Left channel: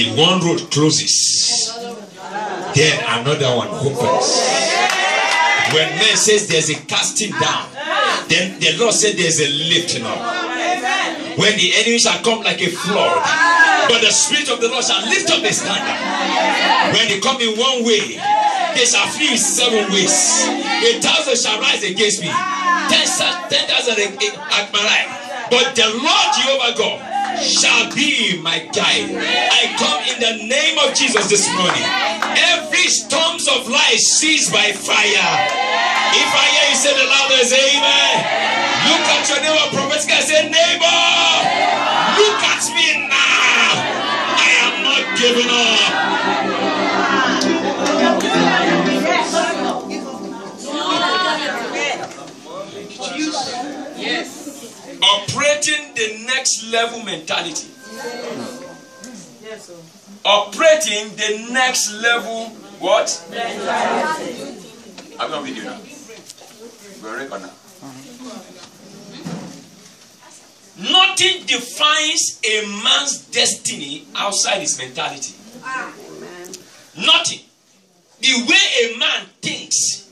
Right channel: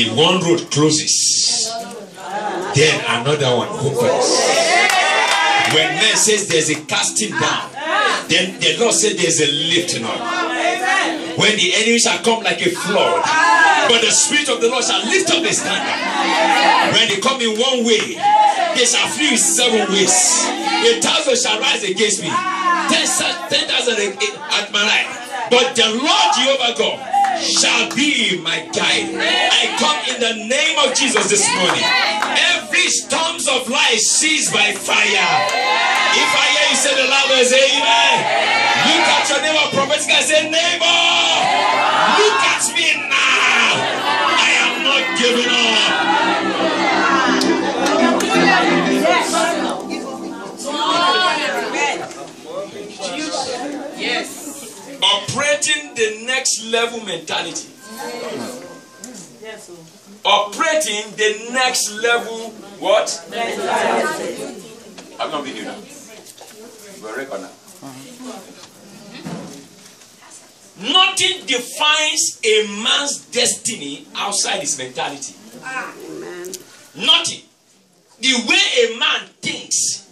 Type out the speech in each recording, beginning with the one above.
If one road closes, then another one opens. When man says there's a casting down, then the Lord said there's a lifting up. When the enemy shall come like a flood, but the Spirit of the Lord shall lift up the standard. When they come in one way, they shall flee 7 ways. 1,000 shall rise against me, 10,000 at my right. But the Lord Jehovah God shall be my guide. I come in the name of Jesus this morning. Every storms of life seized by fire. If I hear you say the loudest amen, look at your neighbor prophetically and say, neighbor, look at me now. I am not giving up. Yes. Operating the next level mentality. Operating the next level what? I'm not video now. We're record now. Nothing defines a man's destiny outside his mentality. Nothing. The way a man thinks,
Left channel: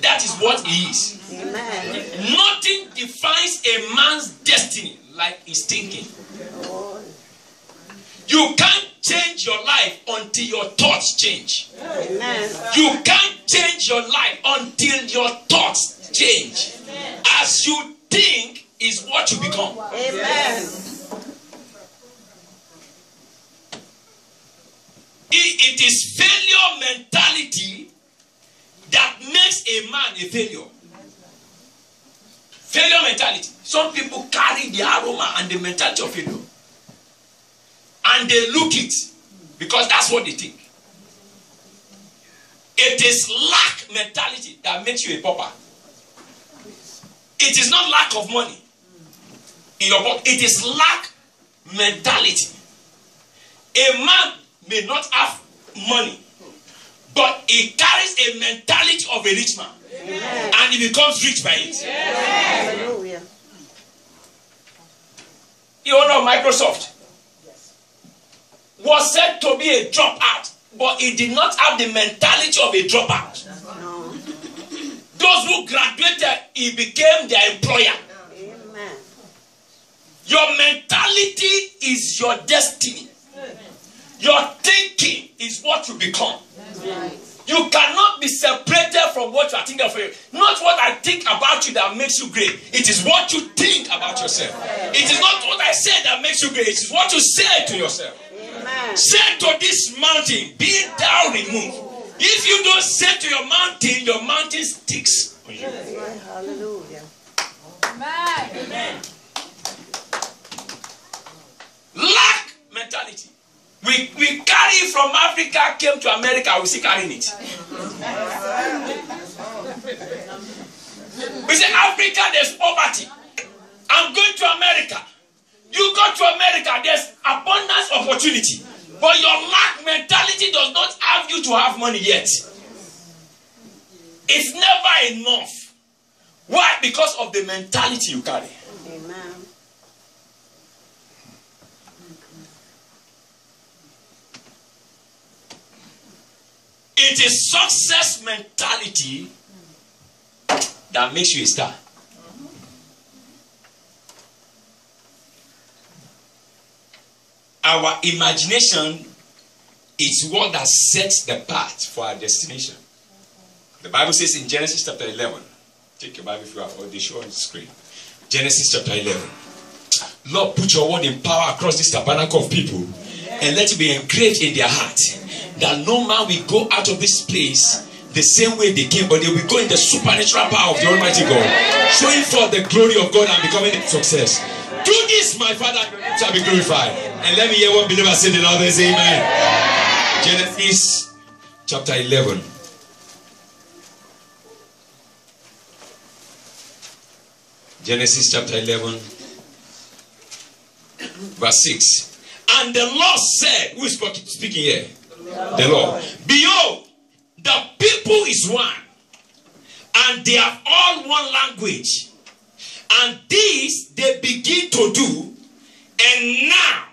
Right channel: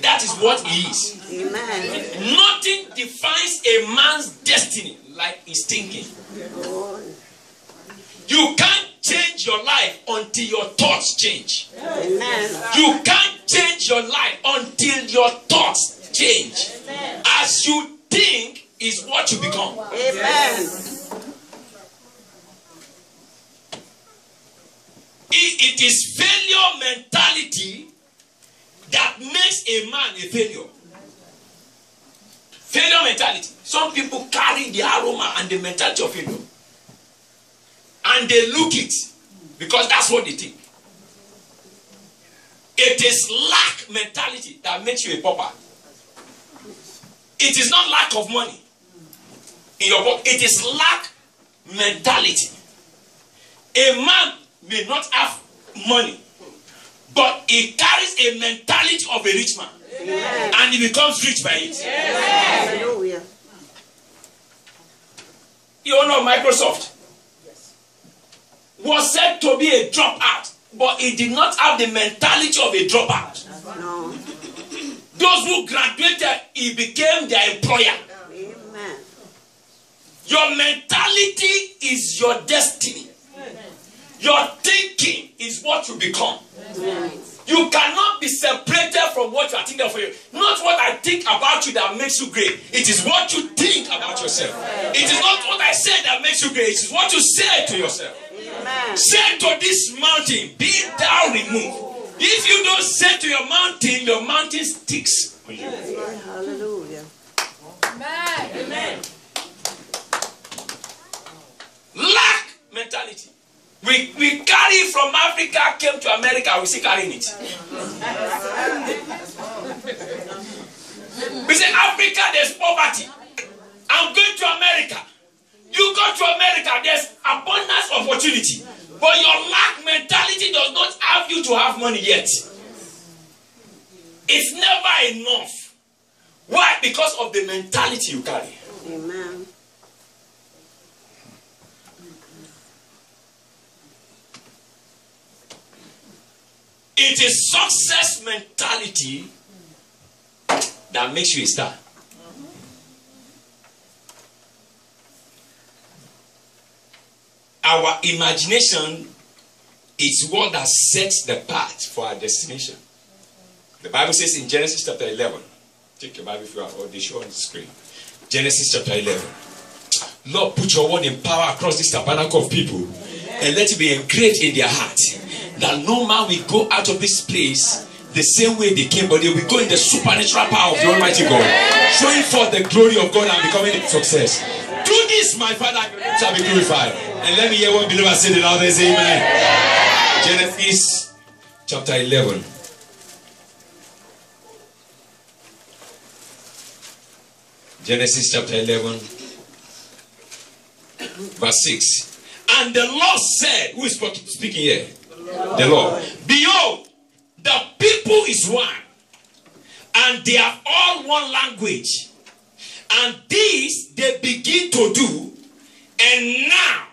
that is what he is. Amen. Nothing defines a man's destiny like his thinking. You can't change your life until your thoughts change. Amen. You can't change your life until your thoughts change. Amen. As you think is what you become. Amen. It is failure mentality that makes a man a failure. Failure mentality. Some people carry the aroma and the mentality of failure. And they look it because that's what they think. It is lack mentality that makes you a pauper. It is not lack of money in your pocket. It is lack mentality. A man may not have money, but he carries a mentality of a rich man. Amen. And he becomes rich by it. Hallelujah. The owner of Microsoft was said to be a dropout, but he did not have the mentality of a dropout. No. Those who graduated, he became their employer. Amen. Your mentality is your destiny. Your thinking is what you become. Amen. You cannot be separated from what you are thinking for you. Not what I think about you that makes you great. It is what you think about yourself. It is not what I say that makes you great. It is what you say to yourself. Amen. Say to this mountain, be thou removed. If you don't say to your mountain sticks on you. Hallelujah. Amen. Amen. Lack mentality. We carry from Africa, came to America, we still carrying it. We say, Africa, there's poverty. I'm going to America. You go to America, there's abundance opportunity. But your lack mentality does not have you to have money yet. It's never enough. Why? Because of the mentality you carry. Amen. It is success mentality that makes you a star. Our imagination is what that sets the path for our destination. The Bible says in Genesis chapter 11. Take your Bible if you have, or they show on the screen. Genesis chapter 11. Lord, put your word in power across this tabernacle of people and let it be engraved in their heart. That no man will go out of this place the same way they came, but they will go in the supernatural power of the Almighty God, showing forth the glory of God and becoming a success. Do this, my Father, shall be glorified. And let me hear one believer say the loudest amen. Genesis chapter 11. Genesis chapter 11, verse 6. And the Lord said, who is speaking here? The Lord. Behold, the people is one, and they have all one language. And this they begin to do, and now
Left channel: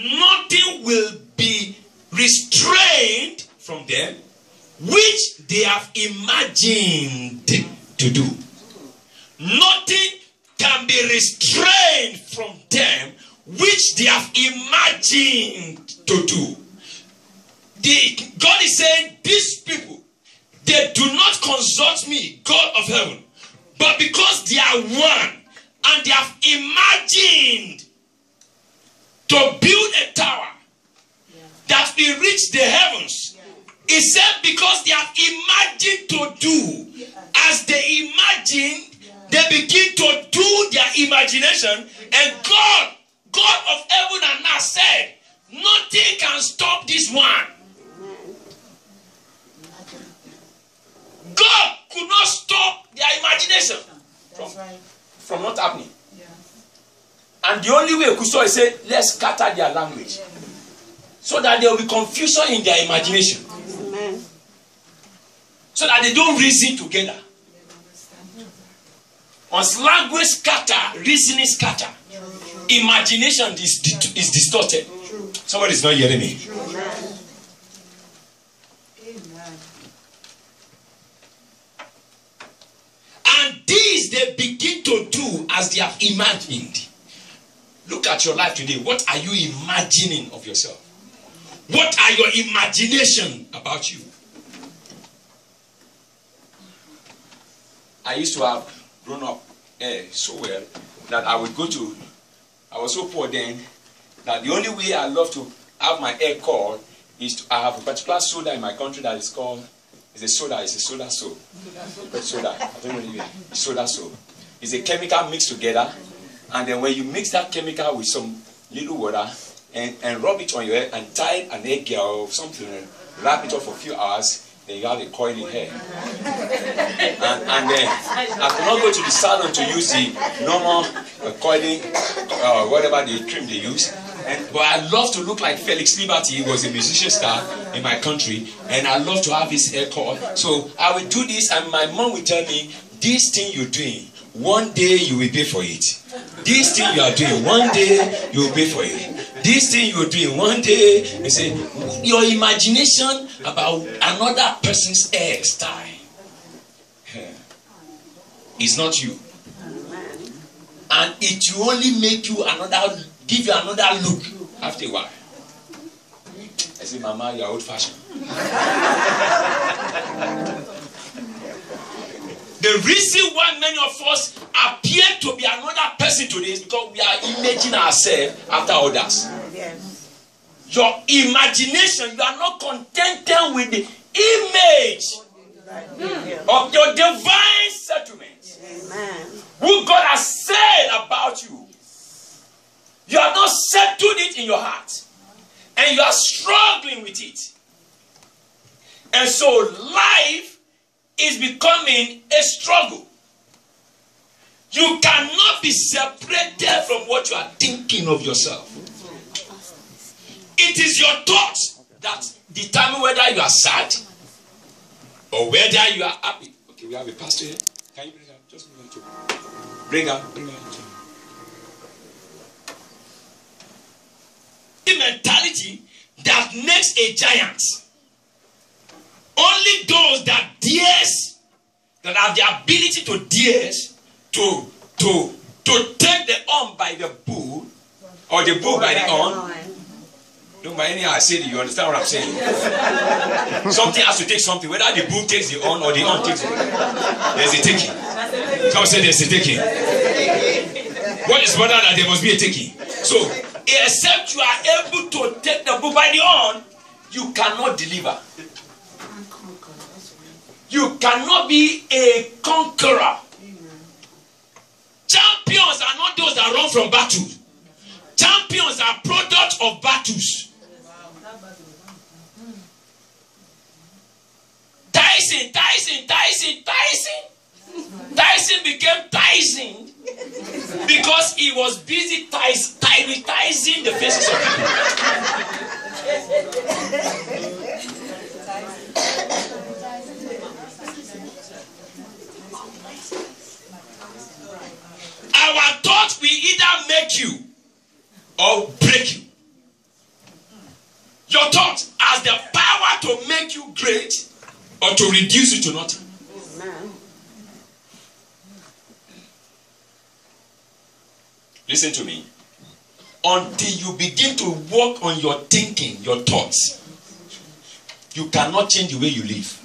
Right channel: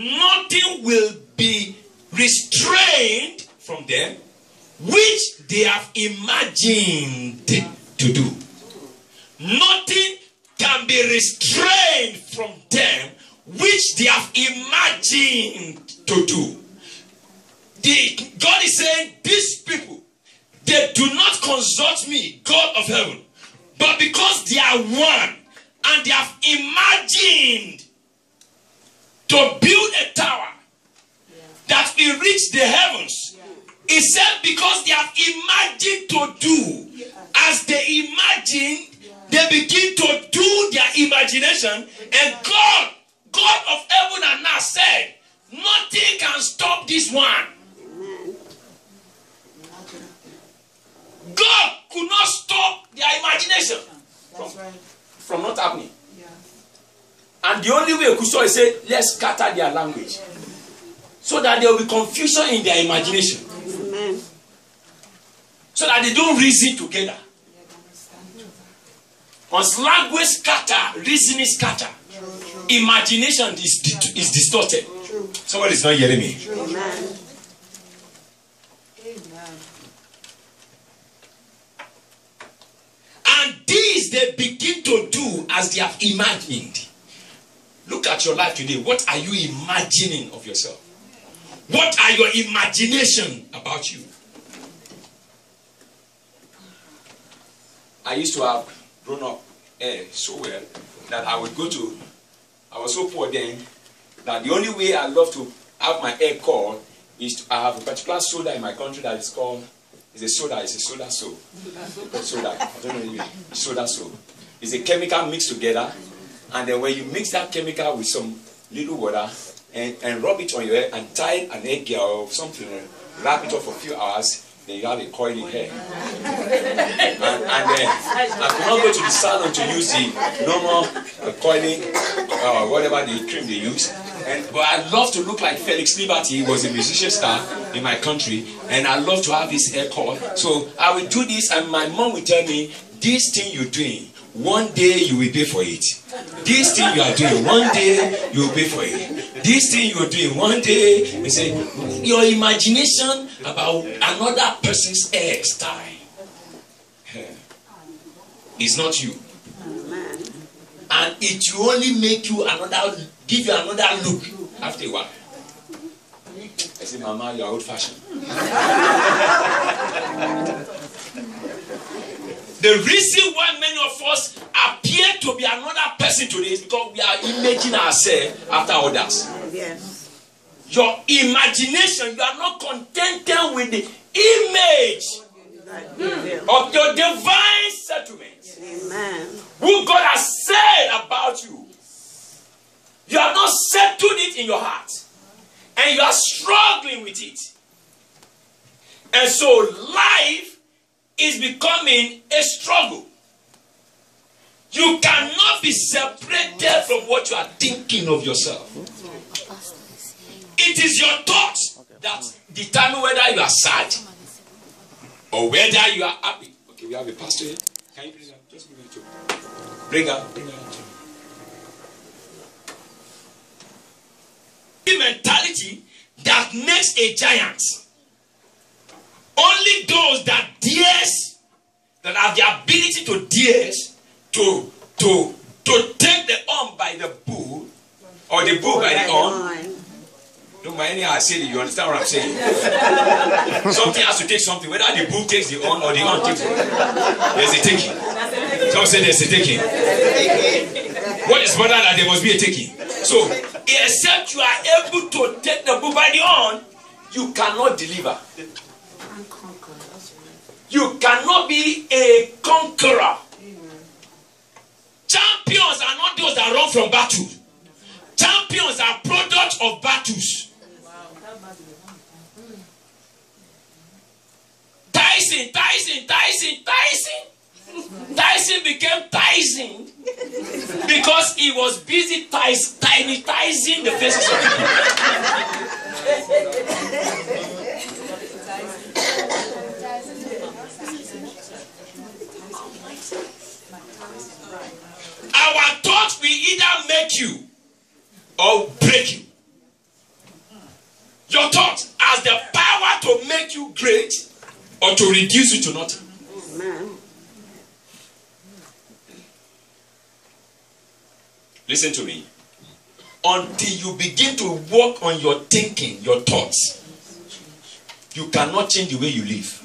nothing will be restrained from them which they have imagined to do. Nothing can be restrained from them which they have imagined to do. God is saying, these people, they do not consult me, God of heaven, but because they are one and they have imagined to build a tower that will reach the heavens. He said because they have imagined to do, as they imagine, they begin to do their imagination, and God of heaven and earth said, nothing can stop this one. God could not stop their imagination from not happening. Yeah. And the only way he could stop is say, let's scatter their language. So that there will be confusion in their imagination. Amen. So that they don't reason together. Once language scatter, reasoning scatter, imagination is distorted. Somebody is not hearing me. Amen. And these they begin to do as they have imagined. Look at your life today. What are you imagining of yourself? What are your imagination about you? I used to have grown up so well that I would go to, I was so poor then that the only way I love to have my hair called is to, I have a particular soda in my country that is called, it's a soda soap. Soda, I don't know, soda soap. It's a chemical mixed together, and then when you mix that chemical with some little water and rub it on your hair and tie an egg or something and wrap it up for a few hours, then you have a coily hair. and then I could not go to the salon to use the normal coiling, whatever the cream they use. But I love to look like Felix Liberty. He was a musician star in my country, and I love to have his hair curled. So I will do this, and my mom will tell me, this thing you're doing, one day you will pay for it. This thing you are doing, one day you will pay for it. This thing you are doing, one day, you say, your imagination about another person's hairstyle is not you. And it will only make you another, give you another look after a while. I say, Mama, you are old fashioned. The reason why many of us appear to be another person today is because we are imaging ourselves after others. Yes. Your imagination, you are not contented with the image of your divine settlement. Amen. Who God has said about you. You have not settled it in your heart. And you are struggling with it. And so life is becoming a struggle. You cannot be separated from what you are thinking of yourself. It is your thoughts that determine whether you are sad or whether you are happy. Okay, we have a pastor here. Can you bring her? Just bring her to. Bring her. Bring her to. The mentality that makes a giant. Only those that dares, that have the ability to dares to take the arm by the bull, or the bull by the arm. Don't mind anyhow I say it, you understand what I'm saying? Something has to take something, whether the bull takes the arm or the arm takes it. There's a taking. Someone said there's a taking. What is better that there must be a taking? So, except you are able to take the bull by the arm, you cannot deliver. You cannot be a conqueror. Champions are not those that run from battle. Champions are products of battles. Tyson became Tyson because he was busy tiny-tizing the faces of Our thoughts will either make you or break you. Your thought has the power to make you great or to reduce you to nothing. Amen. Listen to me. Until you begin to work on your thinking, your thoughts, you cannot change the way you live.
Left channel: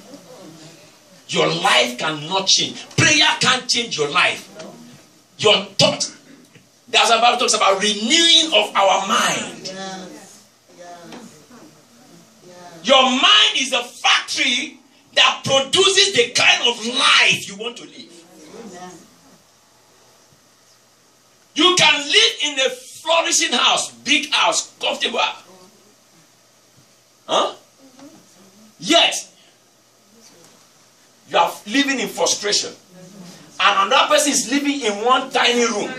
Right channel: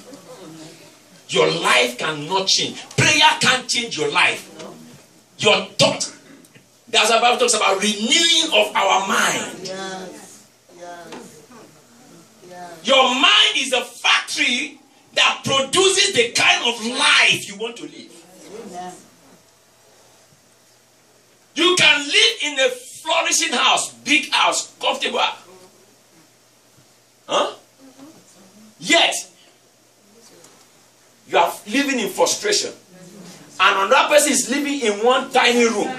Your life cannot change. Prayer can't change your life. Your thought. That's the Bible talks about renewing of our mind. Your mind is a factory that produces the kind of life you want to live. You can live in a flourishing house, big house, comfortable. Huh? Yet, you are living in frustration. And another person is living in one tiny room.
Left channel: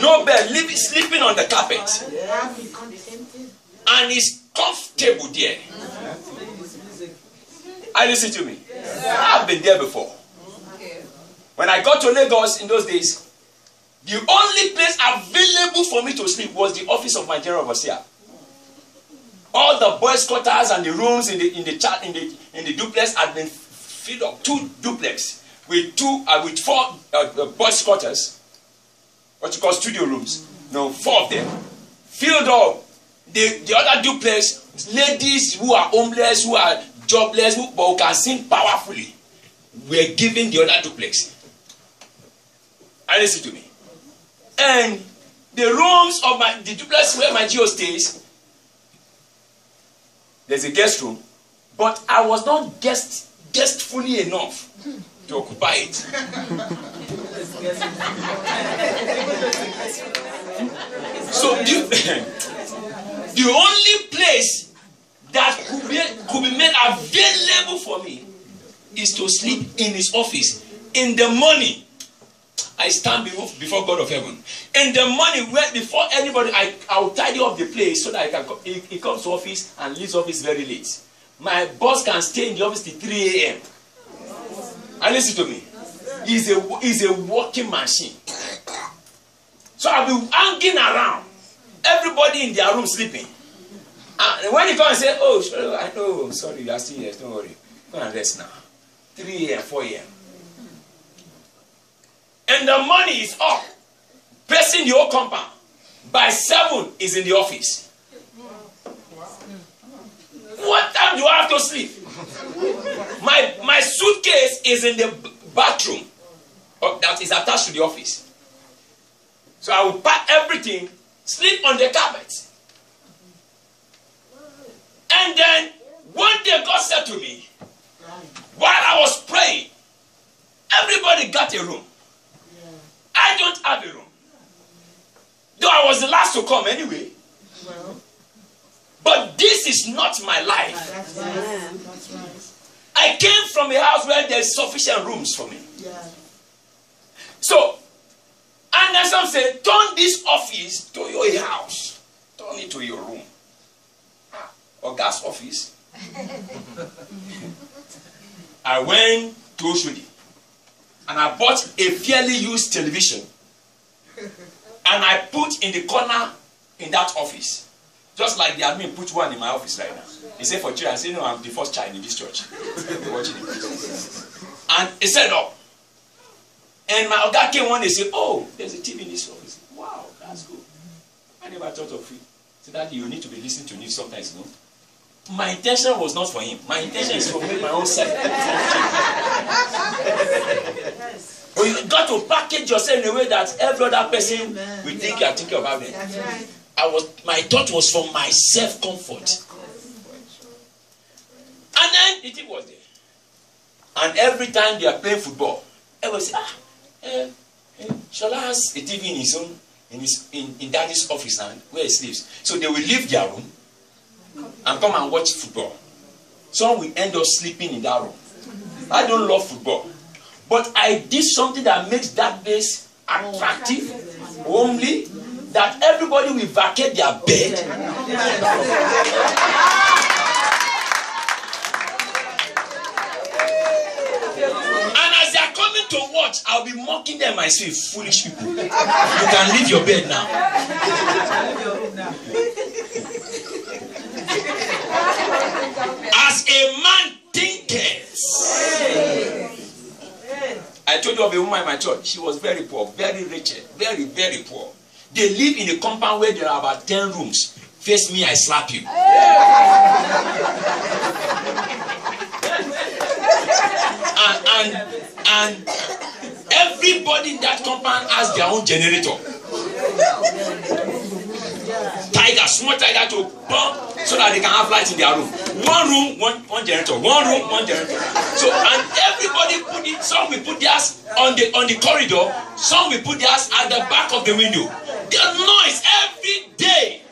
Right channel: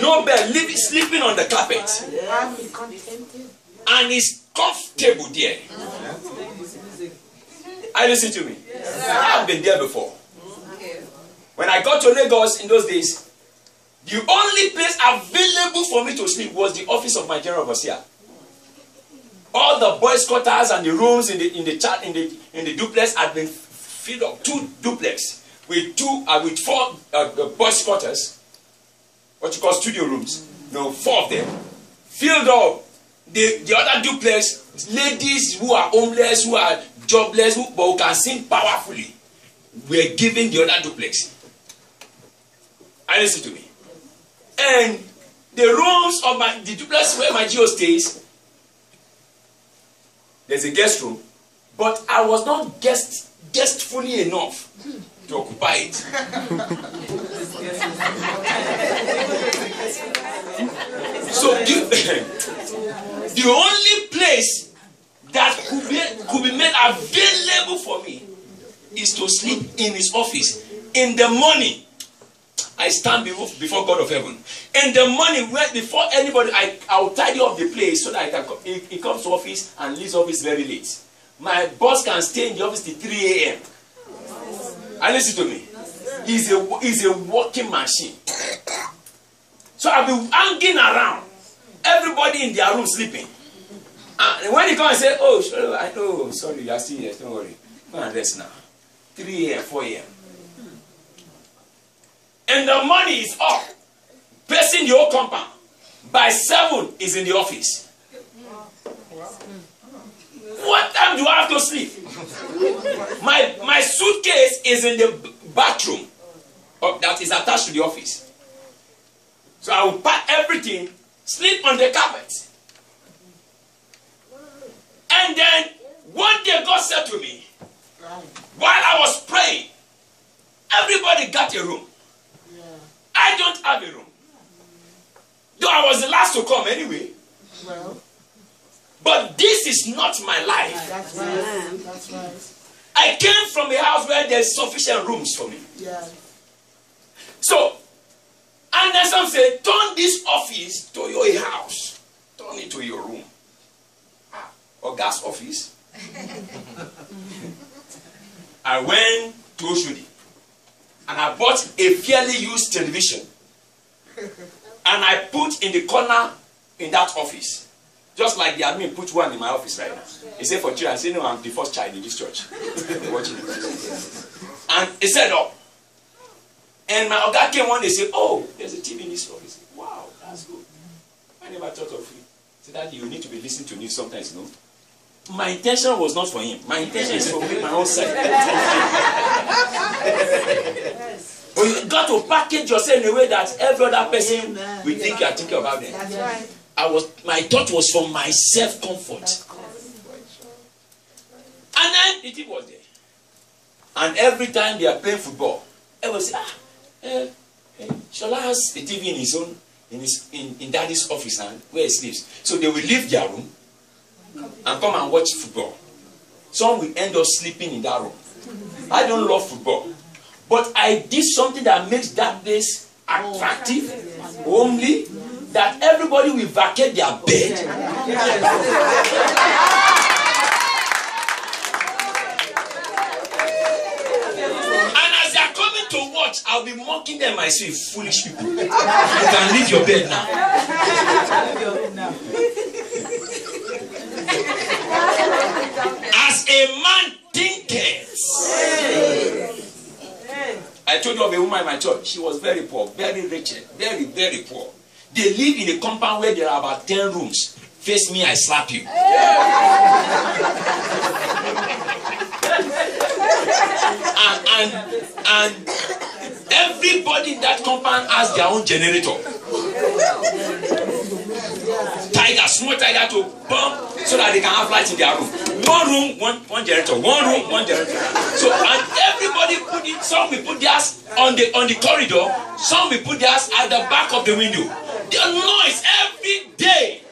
No bed, sleeping on the carpet. And is comfortable there. Listen to me. I've been there before. When I got to Lagos in those days, the only place available for me to sleep was the office of my general overseer. All the boys' quarters and the rooms in the duplex had been filled up. 2 duplex with 4 boys' quarters, what you call studio rooms. No, 4 of them filled up. The other duplex, ladies who are homeless, who are jobless, but who can sing powerfully, were given the other duplex. Listen to me. And the rooms of the duplex where my GO stays, there's a guest room, but I was not guestfully enough to occupy it. So the only place that could be made available for me is to sleep in his office. In the morning, I stand before God of heaven. In the morning, before anybody, I will tidy up the place so that he comes to office and leaves office very late. My boss can stay in the office till 3 a.m. And listen to me. He's a working machine. So I'll be hanging around. Everybody in their room sleeping. And when he comes and says, oh, sorry, I know, sorry, you are still here, don't worry. Go and rest now. 3 a.m., 4 a.m. And the money is up. Pacing the whole compound. By 7 is in the office. What time do I have to sleep? My suitcase is in the bathroom that is attached to the office. So I will pack everything, sleep on the carpet. And then one day God said to me, while I was praying, everybody got a room. I don't have a room. Though I was the last to come anyway. But this is not my life. That's right. That's right. I came from a house where there's sufficient rooms for me. Yeah. So, and then some say, turn this office to your house. Turn it to your room. Or gas office. I went to Oshodi. And I bought a fairly used television. And I put in the corner in that office. Just like the admin put one in my office right now. He said for children, I said, no, I'm the first child in this church. Watching it. And he set up. And my Oga came one day and said, oh, there's a TV in this office. Wow, that's good. I never thought of it. So that you need to be listening to news sometimes, you know. My intention was not for him. My intention is for me, my own side. But you got to package yourself in a way that every other person will think you are thinking about them. That's right. My thought was for my self-comfort. And then the TV was there. And every time they are playing football, everyone say, Shola has a TV in his own, in daddy's office and where he sleeps. So they will leave their room and come and watch football. Some will end up sleeping in that room. I don't love football. But I did something that makes that place attractive, homely, that everybody will vacate their bed. And as they are coming to watch, I'll be mocking them and say, foolish people. You can leave your bed now. of a woman in my church. She was very poor, very wretched, very, very poor. They live in a compound where there are about 10 rooms. Face me, I slap you. And everybody in that compound has their own generator. Tiger, small tiger to pump so that they can have light in their room. One room, one generator. One room, one generator. So, and everybody put it, some will put theirs on the corridor, some will put theirs at the back of the window. The noise every day.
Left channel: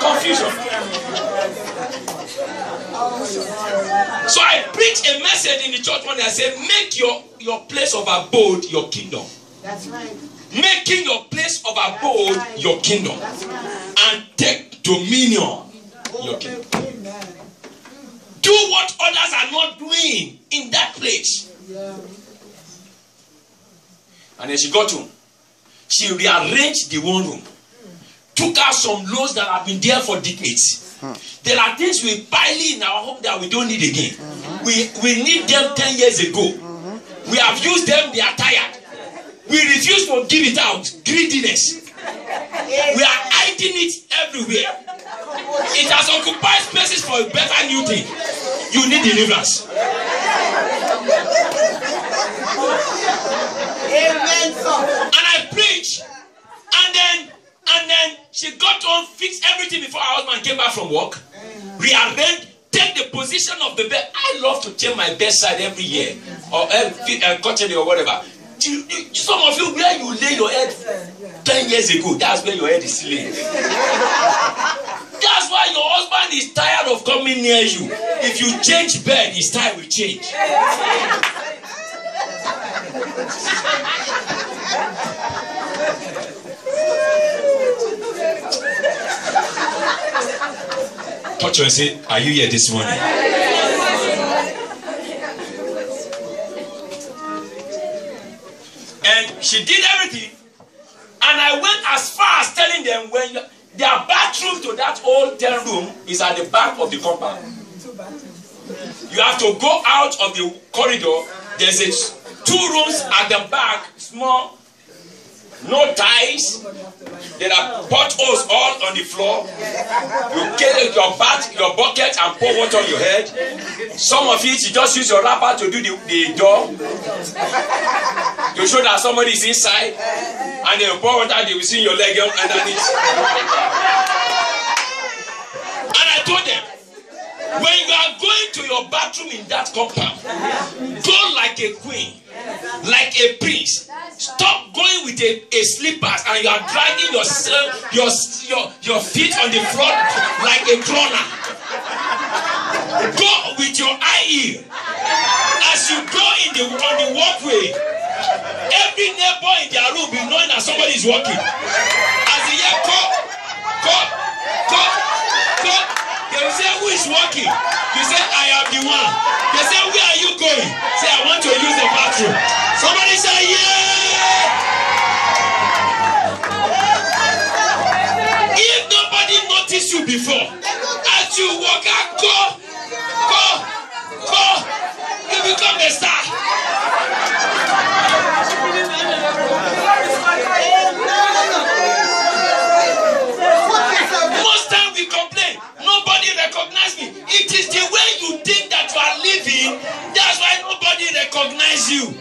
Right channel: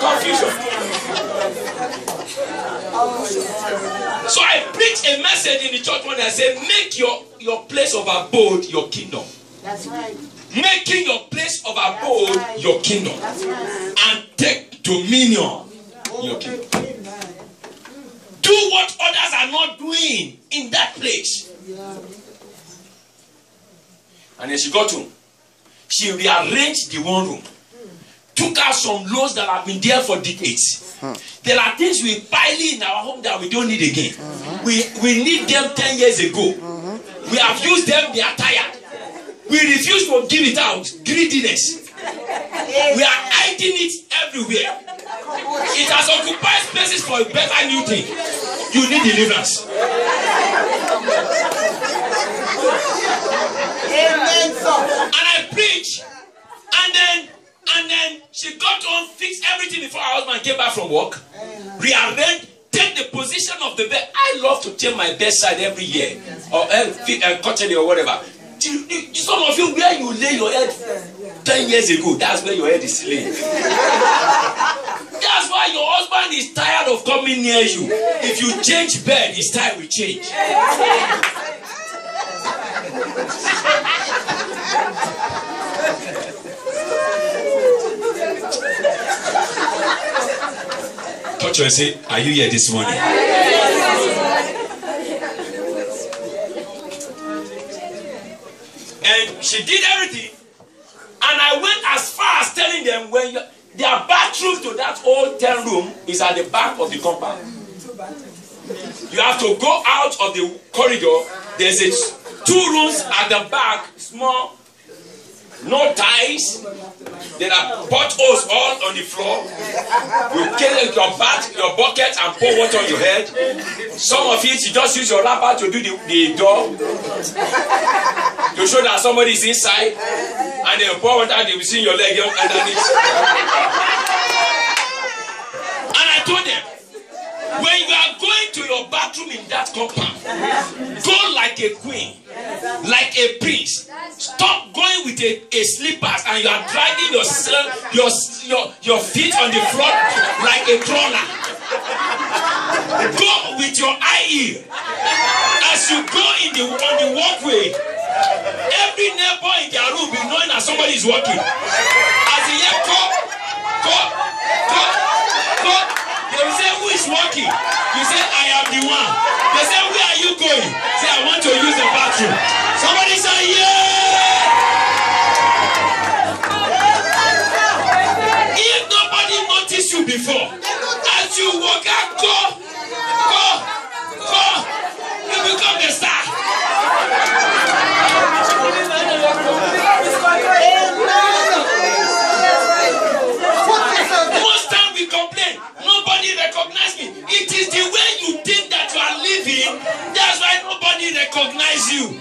Confusion. So I preached a message in the church one day. I said, make your place of abode your kingdom. That's right. Making your place of abode your kingdom. And take dominion your kingdom. Do what others are not doing in that place. And then she got home. She rearranged the one room. Took out some loads that have been there for decades. There are things we pile in our home that we don't need again. We need them 10 years ago. We have used them, they are tired. We refuse to give it out. Greediness. We are hiding it everywhere. It has occupied spaces for a better new thing. You need deliverance. Amen. And I preach, and then she got home, fixed everything before her husband came back from work, rearranged, take the position of the bed. I love to change my bedside every year, or quarterly or whatever. Some of you, where you lay your head 10 years ago, that's where your head is laying. That's why your husband is tired of coming near you. If you change bed, his time will change. Touch her and say, are you here this morning? And she did everything. And I went as far as telling them, when their bathroom to that old 10 room is at the back of the compound. You have to go out of the corridor. There's 2 rooms at the back, small, no ties. There are potholes all on the floor. You get your bucket and pour water on your head. Some of it, you just use your wrapper to do the door. To show that somebody is inside. And they pour water and they will see your leg underneath. And I told them, when you are going to your bathroom in that compound, go like a queen, like a prince. Stop going with a slippers and you are dragging your feet on the floor like a crawler. Go with your eye heel. As you go on the walkway, every neighbor in their room will know that somebody is walking. As you hear go, they will say, who is walking? You say, I am the one. They say, where are you going? Say, I want to use the bathroom. Somebody say, yeah! If nobody noticed you before, as you walk out, go, you become the star. Most time we complain, nobody recognizes me. It is the way you think that you are living, that's why nobody recognizes you.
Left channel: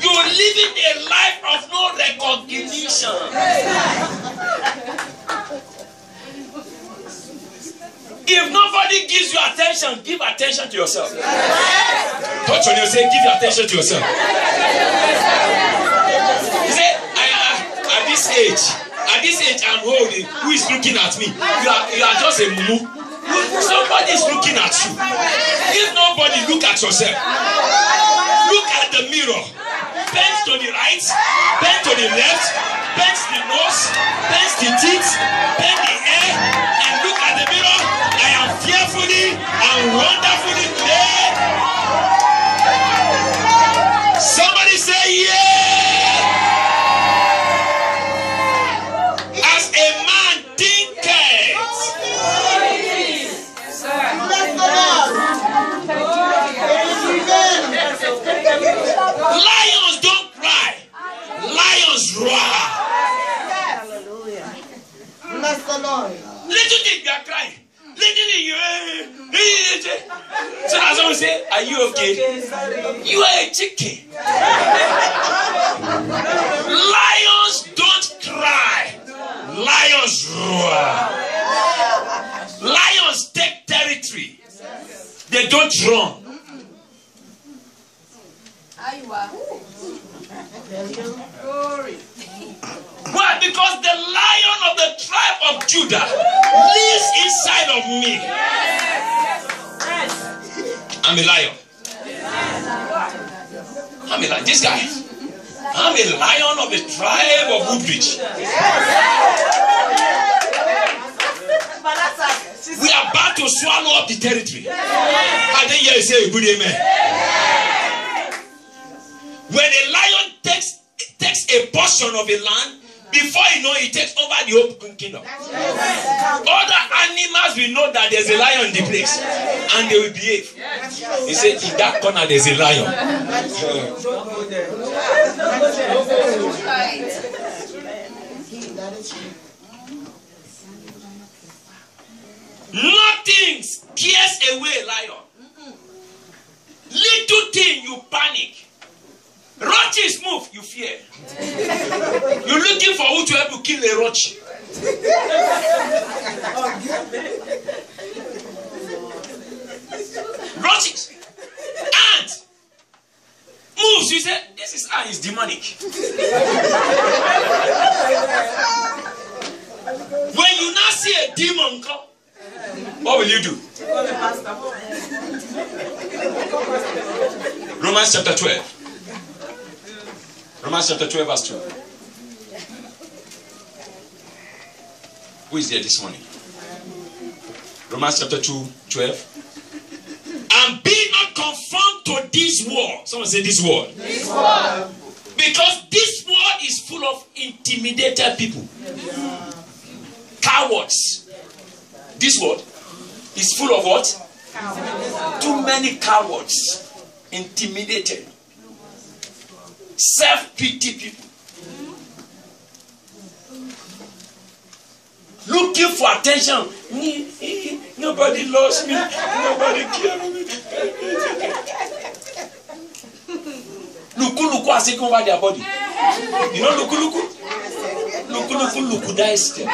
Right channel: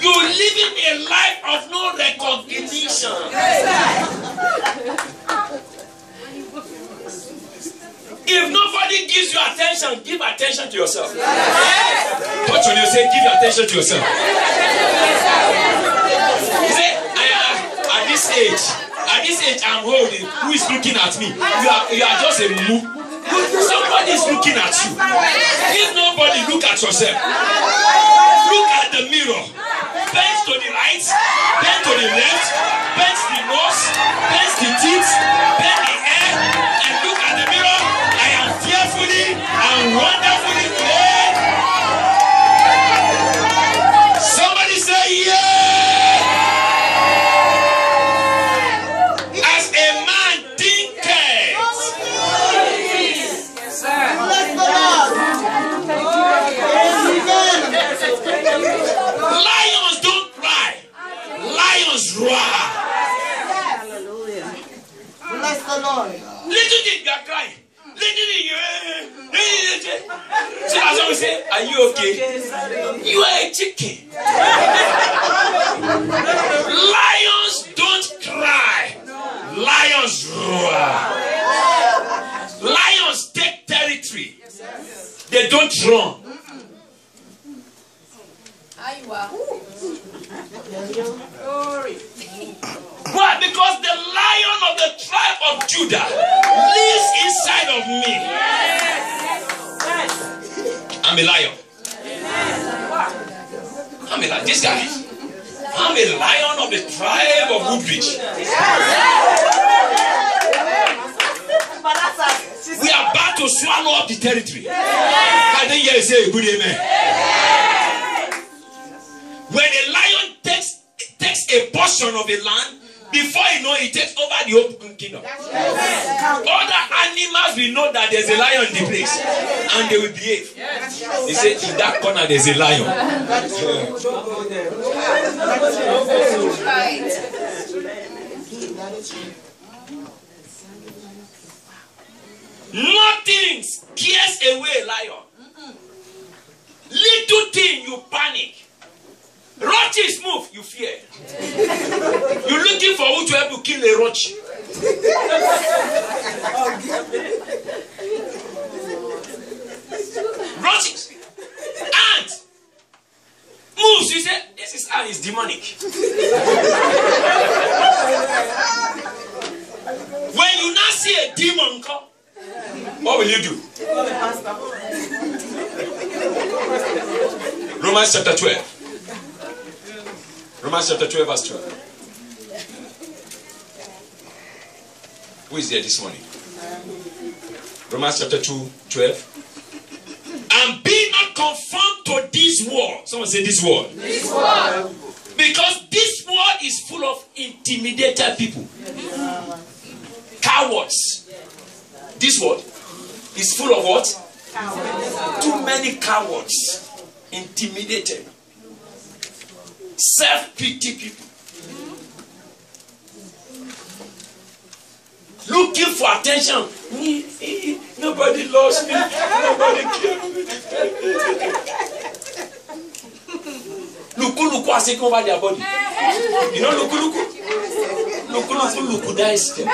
You're living a life of no recognition. If nobody gives you attention, give attention to yourself. Touch on yourself, give your attention to yourself. You say, at this age I'm holding, who is looking at me? You are just a move. Somebody is looking at you. If nobody, look at yourself. Look at the mirror. Bend to the right, bend to the left, bend the nose, bend the teeth, bend the hair, and look at the mirror. I am fearfully and wonderfully made. Somebody say yeah. As a man thinketh. Are you okay? You are a chicken. Lions don't cry. Lions roar. Lions take territory. They don't run. Why? Because the lion of the tribe of Judah lives inside of me. I'm a lion. I'm a lion. This guy. I'm a lion of the tribe of Woodbridge. We are about to swallow up the territory. I didn't hear you say a good amen. When a lion takes a portion of a land, before you know it takes over the whole kingdom. Other animals will know that there's a lion in the place and they will behave. They say, in that corner there's a lion. Nothing scares away a lion. Little thing you panic. Roaches move, you fear. You're looking for who to help you kill a roach. Roaches. Ant. Moves, you say, this is ant is demonic. When you now see a demon come, what will you do? Romans chapter 12. Romans chapter 12 verse 12. Who is there this morning? Romans chapter 2:12. And be not conformed to this world. Someone say this world. This world. Because this world is full of intimidated people. Cowards. This world is full of what? Cowards. Too many cowards. Intimidated. Self-pity people. Looking for attention. Nobody loves me. Nobody cares. Luku has taken over their body. You know Luku? Luku dies there.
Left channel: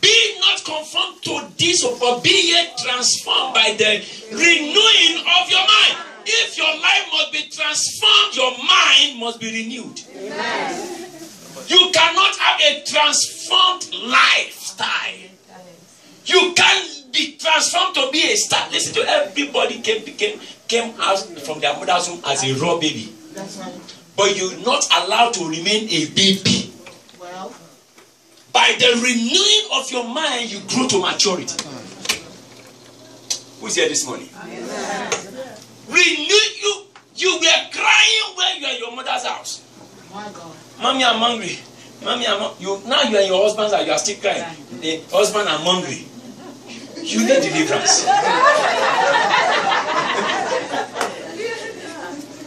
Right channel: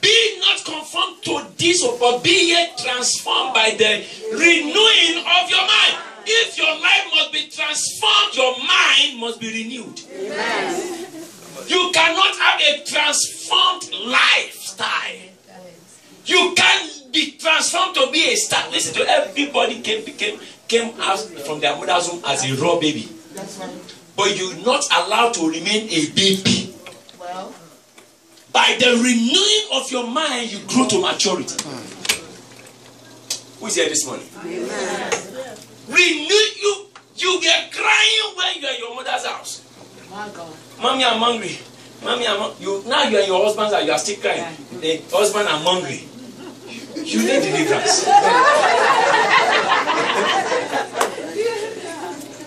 Be not conformed to this, but be yet transformed by the renewing of your mind. If your life must be transformed, your mind must be renewed. Amen. You cannot have a transformed lifestyle. You can't be transformed to be a star. Listen to everybody came out from their mother's womb as a raw baby. That's right. But you're not allowed to remain a baby. Well, by the renewing of your mind, you grow to maturity. Who is here this morning? Amen. Renew you. You were crying when you are in your mother's house. My God. Mommy, I'm hungry. Mommy, I'm hungry. Now you are in your husband's house, you are still crying. The husband, I'm hungry. You need deliverance.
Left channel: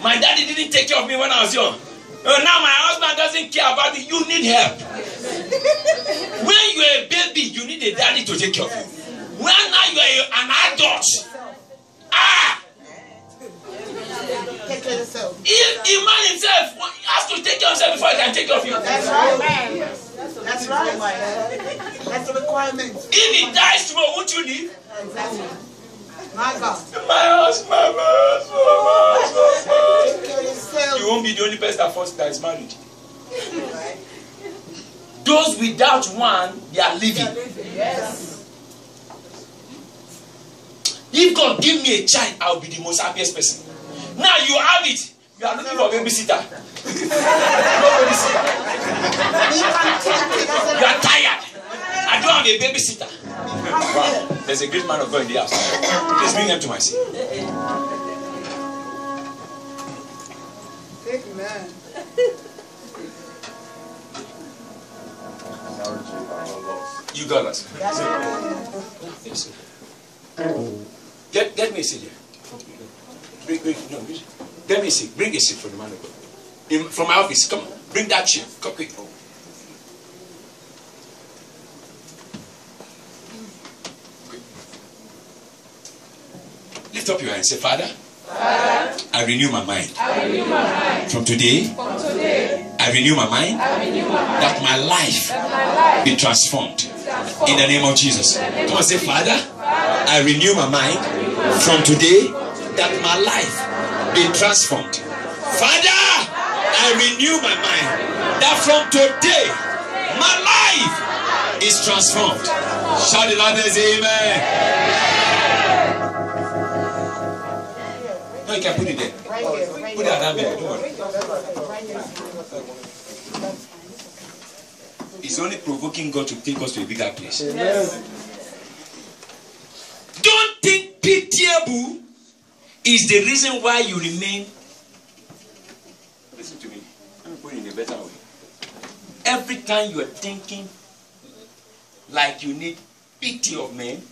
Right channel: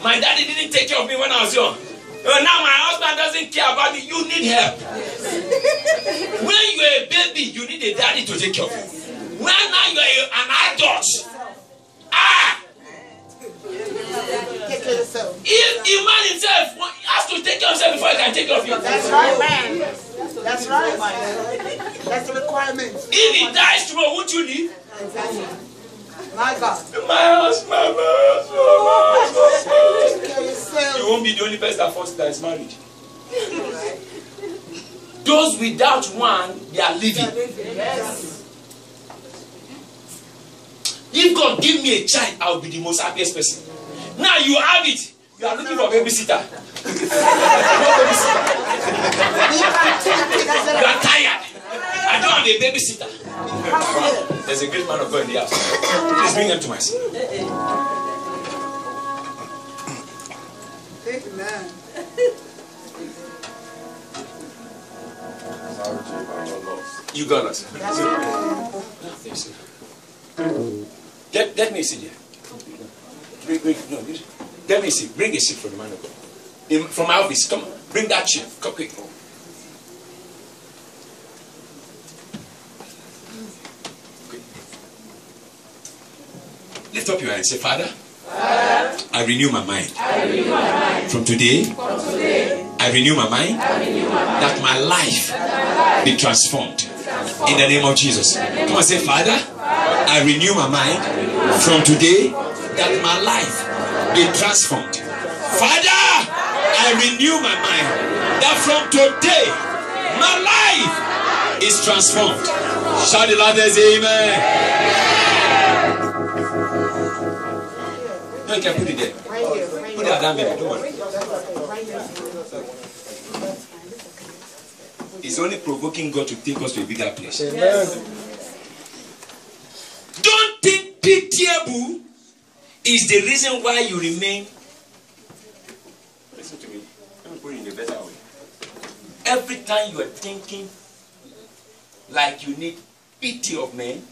My daddy didn't take care of me when I was young. Now my husband doesn't care about me. You need help. When you are a baby, you need a daddy to take care of you. When now you are an adult, take care of yourself. If a man himself has to take care of himself before he can take care of you. That's right, man. That's right, man. That's the requirement. If he dies tomorrow, won't you leave? Exactly. My God. My husband. Take care of yourself. You won't be the only person that is married. Those without one, they are living. Yes. If God give me a child, I will be the most happiest person. Now you have it. You are looking for a babysitter. No babysitter. You are tired. I don't have a babysitter. Wow. There's a great man of God in the house. Please bring him to my seat. Amen. You got us. Let me see here. Let me see. Bring a seat for the man of God. From my office. Come on. Bring that chair. Come quick. up your hand and say, Father, I renew my mind. From today, I renew my mind that my life be transformed in the name of Jesus. Come and say, Father, I renew my mind from today that my life be transformed. Father, I renew my mind that from today my life is transformed. Shout the loudest, amen. No, you can put it there. Put it down there. Don't worry. It's only provoking God to take us to a bigger place. Don't think pitiable is the reason why you remain. Listen to me. Let me put it in a better way. Every time you are thinking like you need pity of men,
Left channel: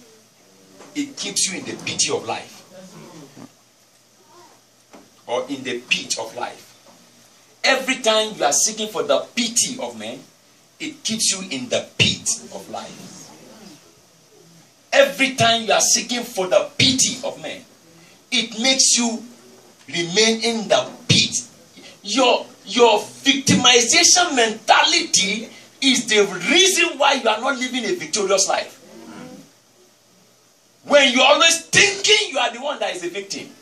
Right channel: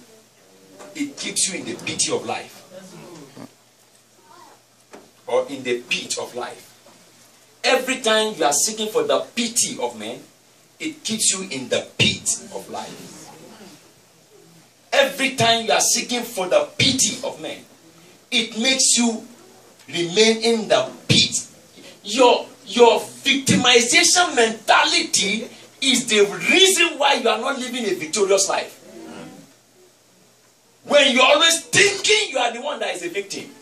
it keeps you in the pity of life. Or in the pit of life. Every time you are seeking for the pity of men, it keeps you in the pit of life. Every time you are seeking for the pity of men, it makes you remain in the pit. Your victimization mentality is the reason why you are not living a victorious life. When you are always thinking you are the one that is a victim,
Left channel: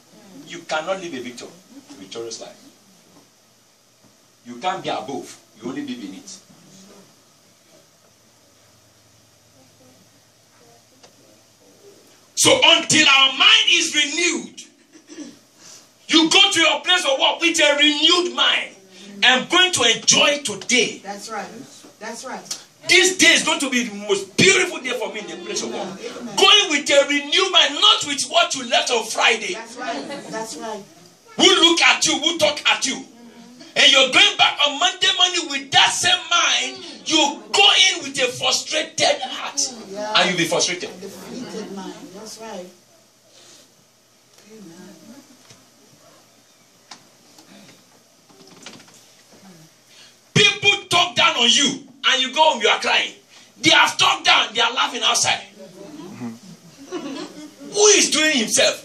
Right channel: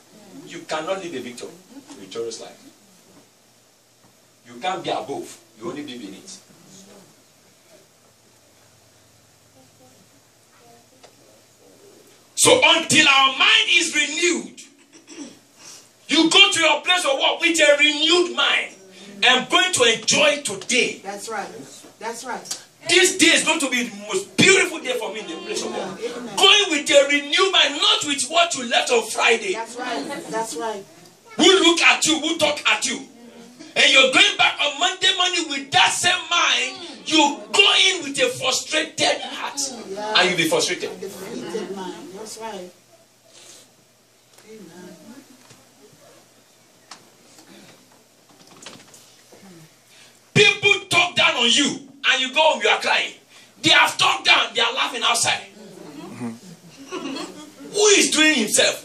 you cannot live a victorious life. You can't be above, you only be beneath. So until our mind is renewed, you go to your place of work with a renewed mind. I'm going to enjoy today. That's right. That's right. This day is going to be the most beautiful day for me in the place of work. Amen. Going with a renewed mind, not with what you left on Friday. That's right. That's right. Who look at you, who talk at you. And you're going back on Monday morning with that same mind. You go in with a frustrated heart. Yeah. And you'll be frustrated. A defeated mind. That's right. Amen. People talk down on you. And you go home, you are crying. They have talked down, they are laughing outside. Who is doing himself?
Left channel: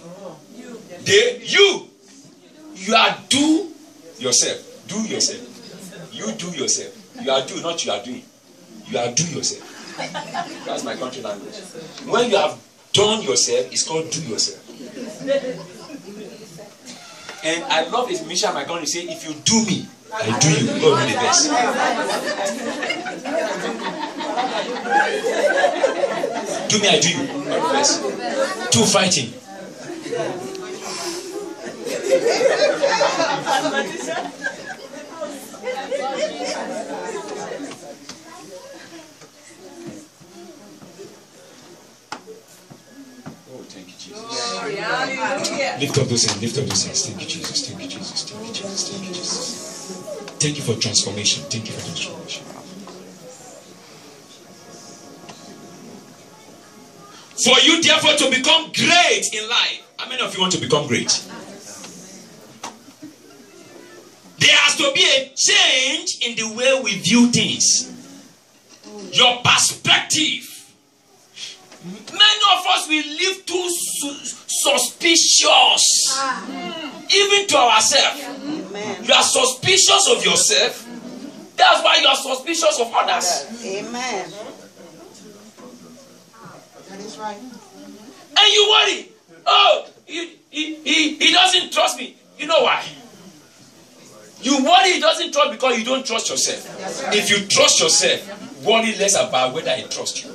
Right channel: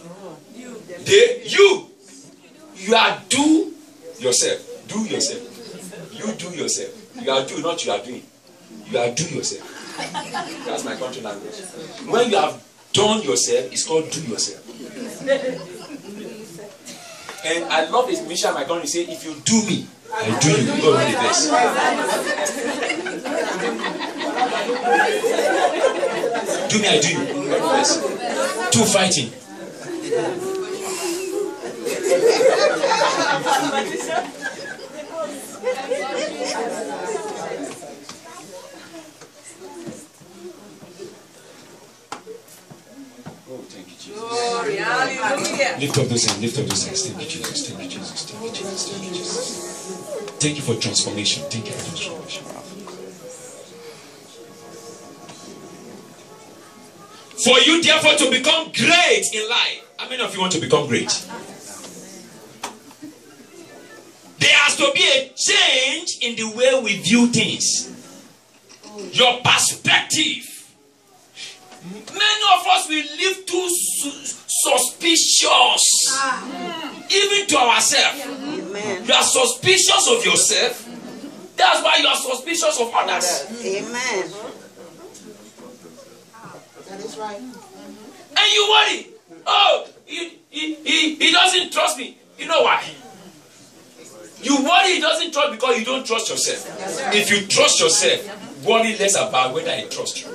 You are do yourself. Do yourself. You do yourself. You are do, not you are doing. You are do yourself. That's my country language. When you have done yourself, it's called do yourself. And I love this mission my country say, if you do me, I do you. God be the best. Do me, I do you. God be the best. Two fighting. Oh, thank you, Jesus. Lift up those hands. Lift up those hands. Thank you, Jesus. Thank you, Jesus. Thank you, Jesus. Thank you, Jesus. Thank you for transformation. Thank you for transformation. For you, therefore, to become great in life. How many of you want to become great? There has to be a change in the way we view things. Your perspective. Many of us will live too suspicious. Even to ourselves. Amen. You are suspicious of yourself. That's why you are suspicious of others. Amen. That is right. And you worry. Oh, he doesn't trust me. You know why? You worry he doesn't trust because you don't trust yourself. Right. If you trust yourself, worry less about whether he trusts you.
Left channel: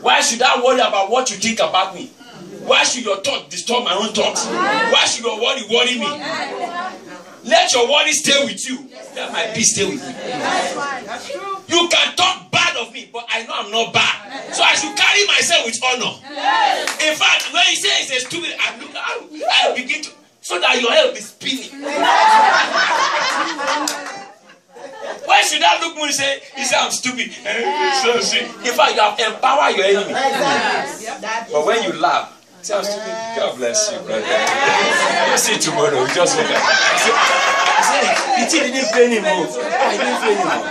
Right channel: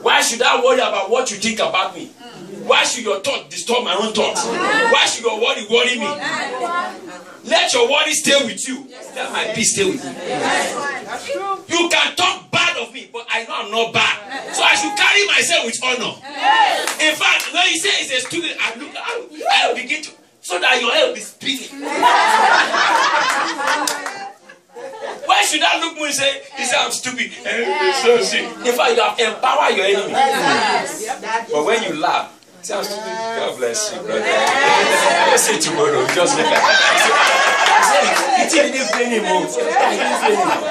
Why should I worry about what you think about me? Why should your thought disturb my own thoughts? Why should your worry me? Let your worry stay with you. Let my peace stay with you. You can talk bad of me, but I know I'm not bad. So I should carry myself with honor. In fact, when you say it's a stupid, I begin to, so that your head will be spinning. Why should I look more and say, I'm stupid? In fact, you have empowered your enemy. But when you laugh, say, I'm stupid. God bless you, brother. Let's see tomorrow. Just look at it. He didn't play anymore. He didn't play anymore.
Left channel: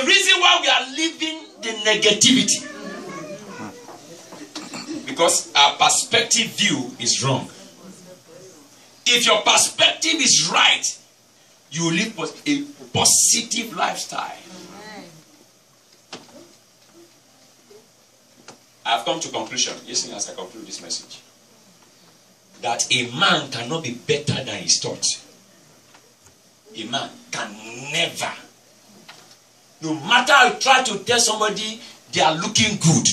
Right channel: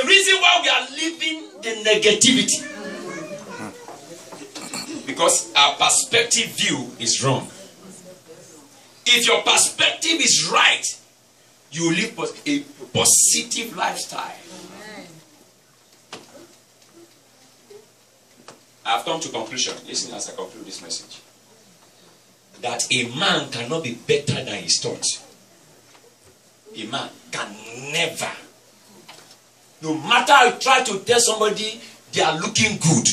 the reason why we are living the negativity. Because our perspective view is wrong. If your perspective is right, you will live a positive lifestyle. I have come to conclusion, listen as I conclude this message, that a man cannot be better than his thoughts. A man can never, no matter how you try to tell somebody they are looking good,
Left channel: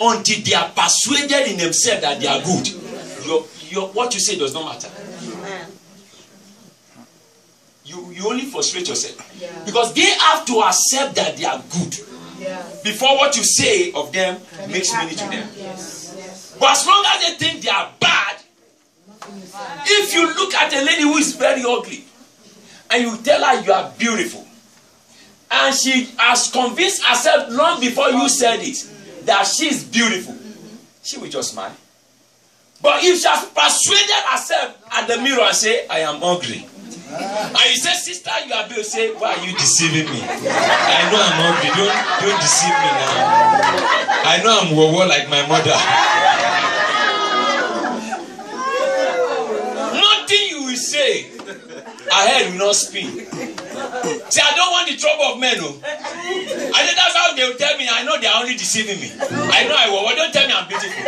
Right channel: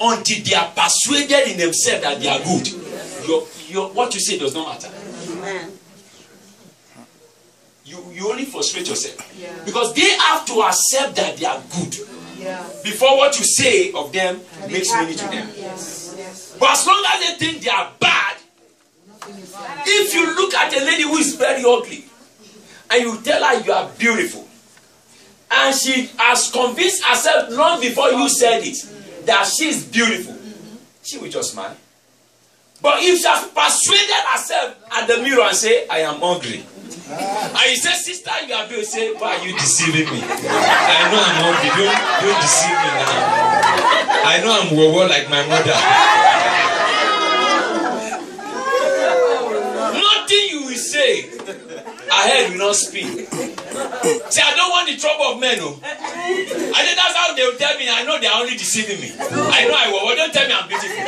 until they are persuaded in themselves that they are good, what you say does not matter. You only frustrate yourself. Because they have to accept that they are good before what you say of them makes meaning to them. But as long as they think they are bad, if you look at a lady who is very ugly and you tell her you are beautiful, and she has convinced herself long before you said it that she is beautiful, she will just smile. But if she has persuaded herself at the mirror and say, I am ugly, and you say, sister, you are beautiful, say, why are you deceiving me? I know I'm ugly, don't deceive me now. I know I'm wowo like my mother. Nothing you will say, her head will not spin. See, I don't want the trouble of men. Oh. I think that's how they will tell me. I know they are only deceiving me. I know I will. Well, don't tell me I'm beautiful.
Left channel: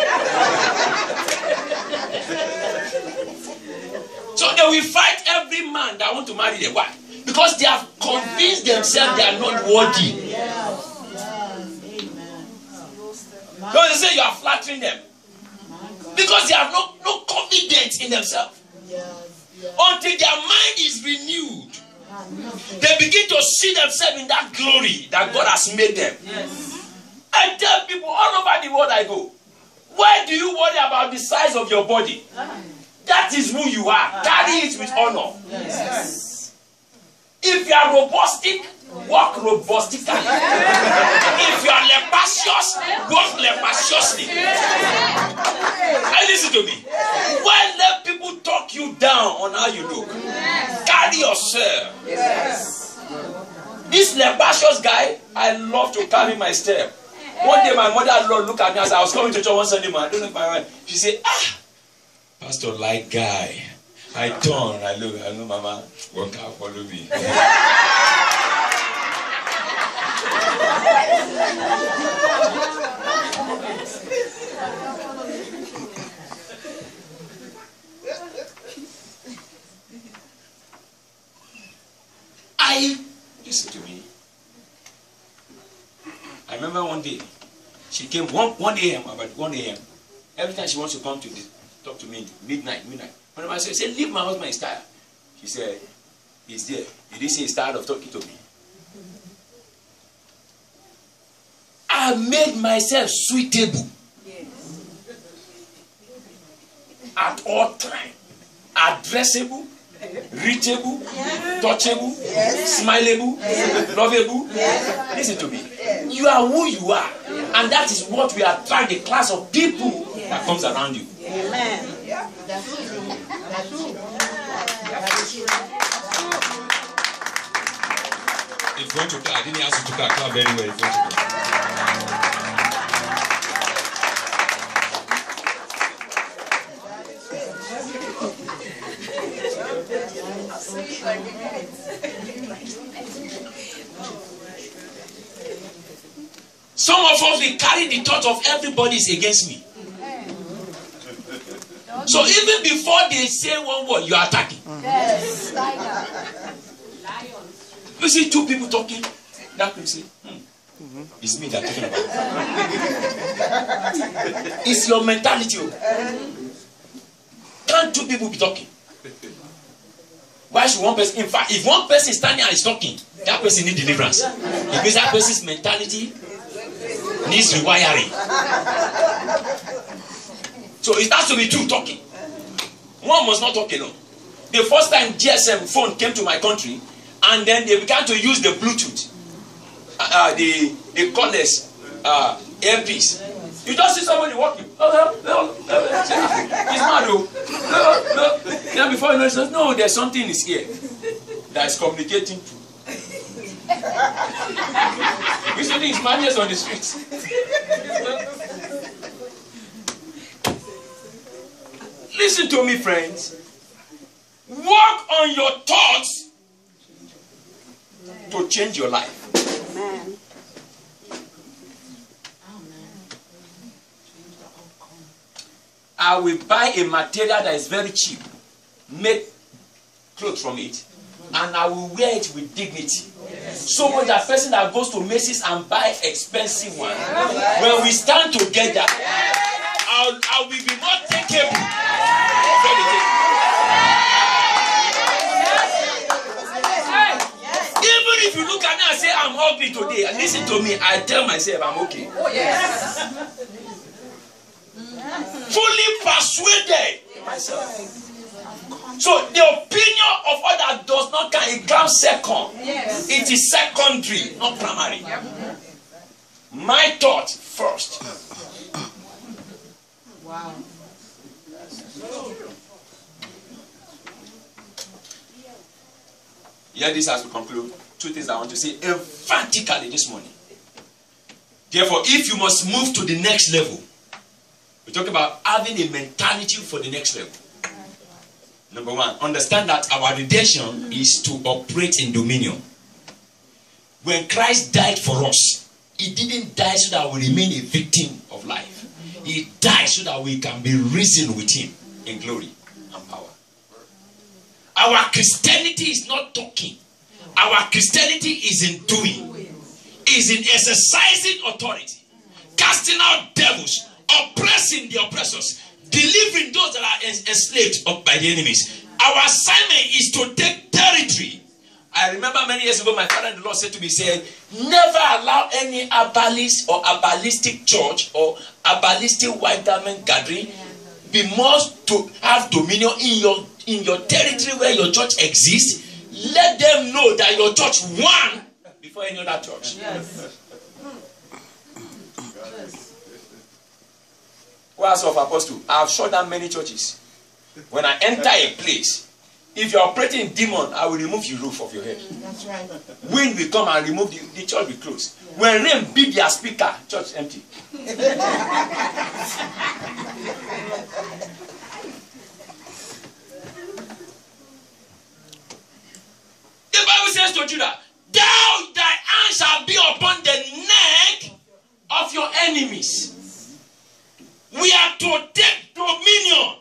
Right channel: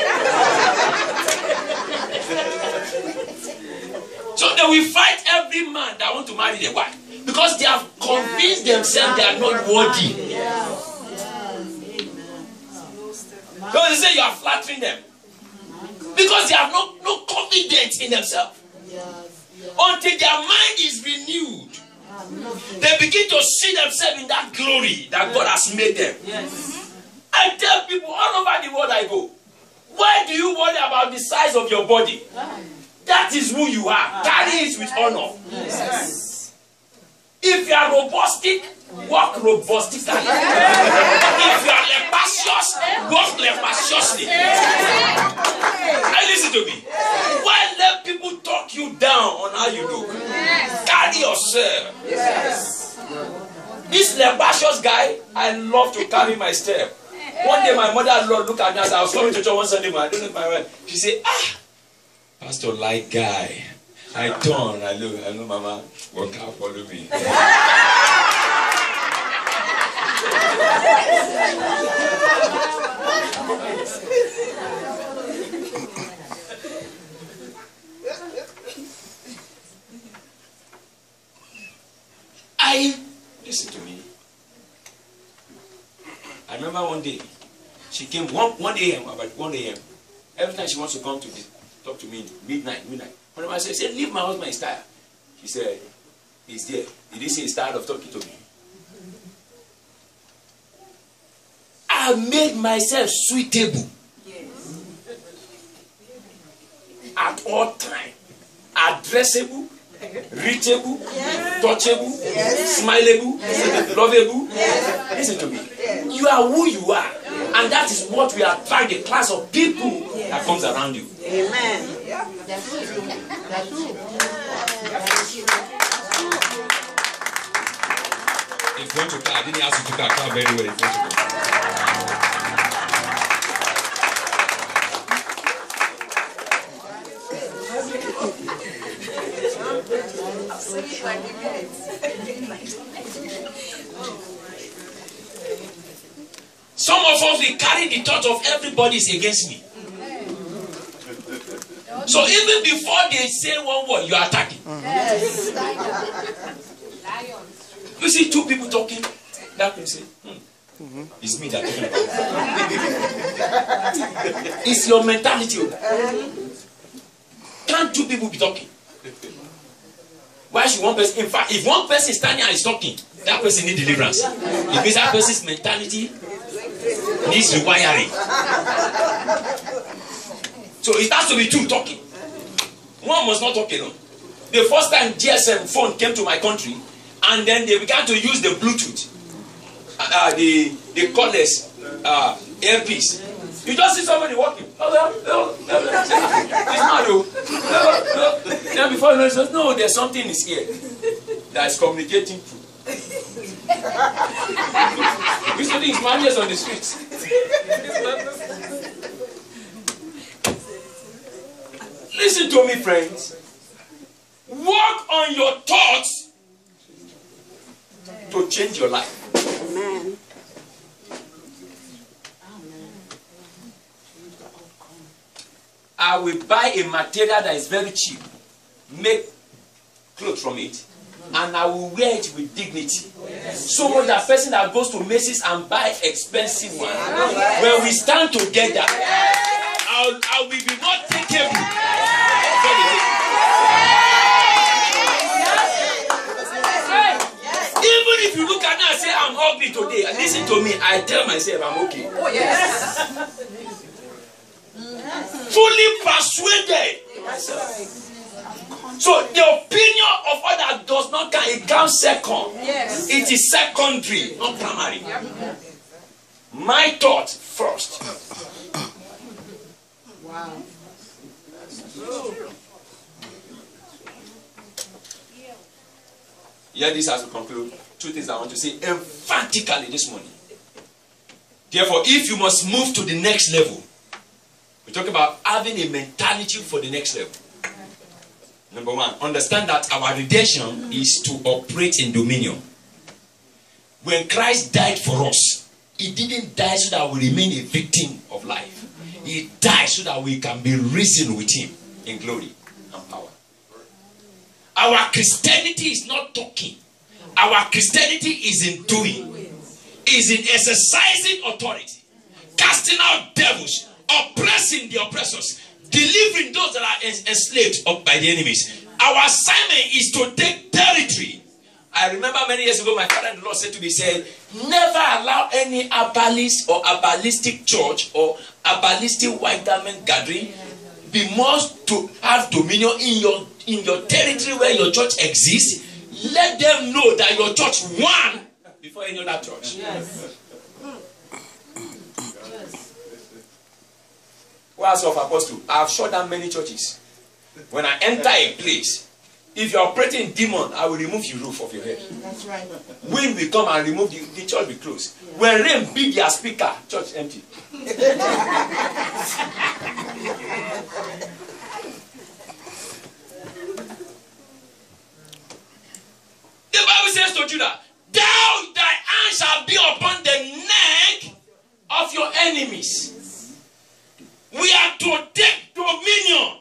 So they will fight every man that want to marry their wife because they have convinced themselves they are not worthy. So they say you are flattering them because they have no confidence in themselves. Until their mind is renewed, they begin to see themselves in that glory that God has made them. I tell people all over the world I go, why do you worry about the size of your body? That is who you are. Carry it with honor. If you are robustic, walk robustically. If you are lepacious, walk lepaciously. And listen to me. Why let people talk you down on how you look? Carry yourself. This lepacious guy, I love to carry my step. One day my mother-in-law looked at me as I was coming to church one Sunday morning. I don't know if my wife. She said, Pastor, like guy. I turn, I look, I know Mama, walk out, follow me. Listen to me. I remember one day, she came 1 a.m., about 1 a.m. Every time she wants to come to talk to me, midnight. Whenever I say, leave my husband is tired. She said, he's there. He didn't say he's tired of talking to me. I made myself suitable at all times. Addressable, reachable, touchable, smileable, lovable. Listen to me. You are who you are. And that is what we are trying, the class of people that comes around you. Amen. If you want to clap, I didn't ask you to clap very well. If you want to clap. Some of us, we carry the thought of everybody is against me. So even before they say one word, you are attacking. You see two people talking, that will say, it's me that talking about. It's your mentality. Can't two people be talking? Why should one person? In fact, if one person is standing and is talking, that person needs deliverance. It means that person's mentality needs rewiring. So it has to be two talking. One must not talk alone. The first time GSM phone came to my country, and then they began to use the Bluetooth, the cordless earpiece. You just see somebody walking. It's not though. Then before you know, it says, no, there's something in his ear that is communicating through. We study his manners on the streets. Listen to me, friends. Work on your thoughts to change your life. Amen. I will buy a material that is very cheap, make clothes from it, and I will wear it with dignity. So much that person that goes to Macy's and buy expensive one, when we stand together, I will be more takeable. Even if you look at me and say I'm ugly today, listen to me, I tell myself I'm okay. Oh yes. Fully persuaded in myself. So the opinion of others does not count. It comes second. Yes. It is secondary, not primary. My thought first. Wow. Yeah, this has to conclude. Two things I want to say emphatically this morning. Therefore, if you must move to the next level, we talk about having a mentality for the next level. Number one, understand that our redemption is to operate in dominion. When Christ died for us, he didn't die so that we remain a victim of life. He died so that we can be risen with him in glory and power. Our Christianity is not talking. Our Christianity is in doing. Is in exercising authority. Casting out devils. Oppressing the oppressors. Delivering those that are enslaved by the enemies. Our assignment is to take territory. I remember many years ago, my father-in-law said to me, said, never allow any herbalist or herbalistic church or herbalistic white garment gathering be more to have dominion in your territory where your church exists. Let them know that your church won before any other church. Yes. Words of Apostle, I have shut down many churches. When I enter a place, if you are operating in demon, I will remove the roof of your head. That's right. Wind will come and remove the church will close. When rain beat their speaker, church empty. The Bible says to Judah, thy hand shall be upon the neck of your enemies. We are to take dominion.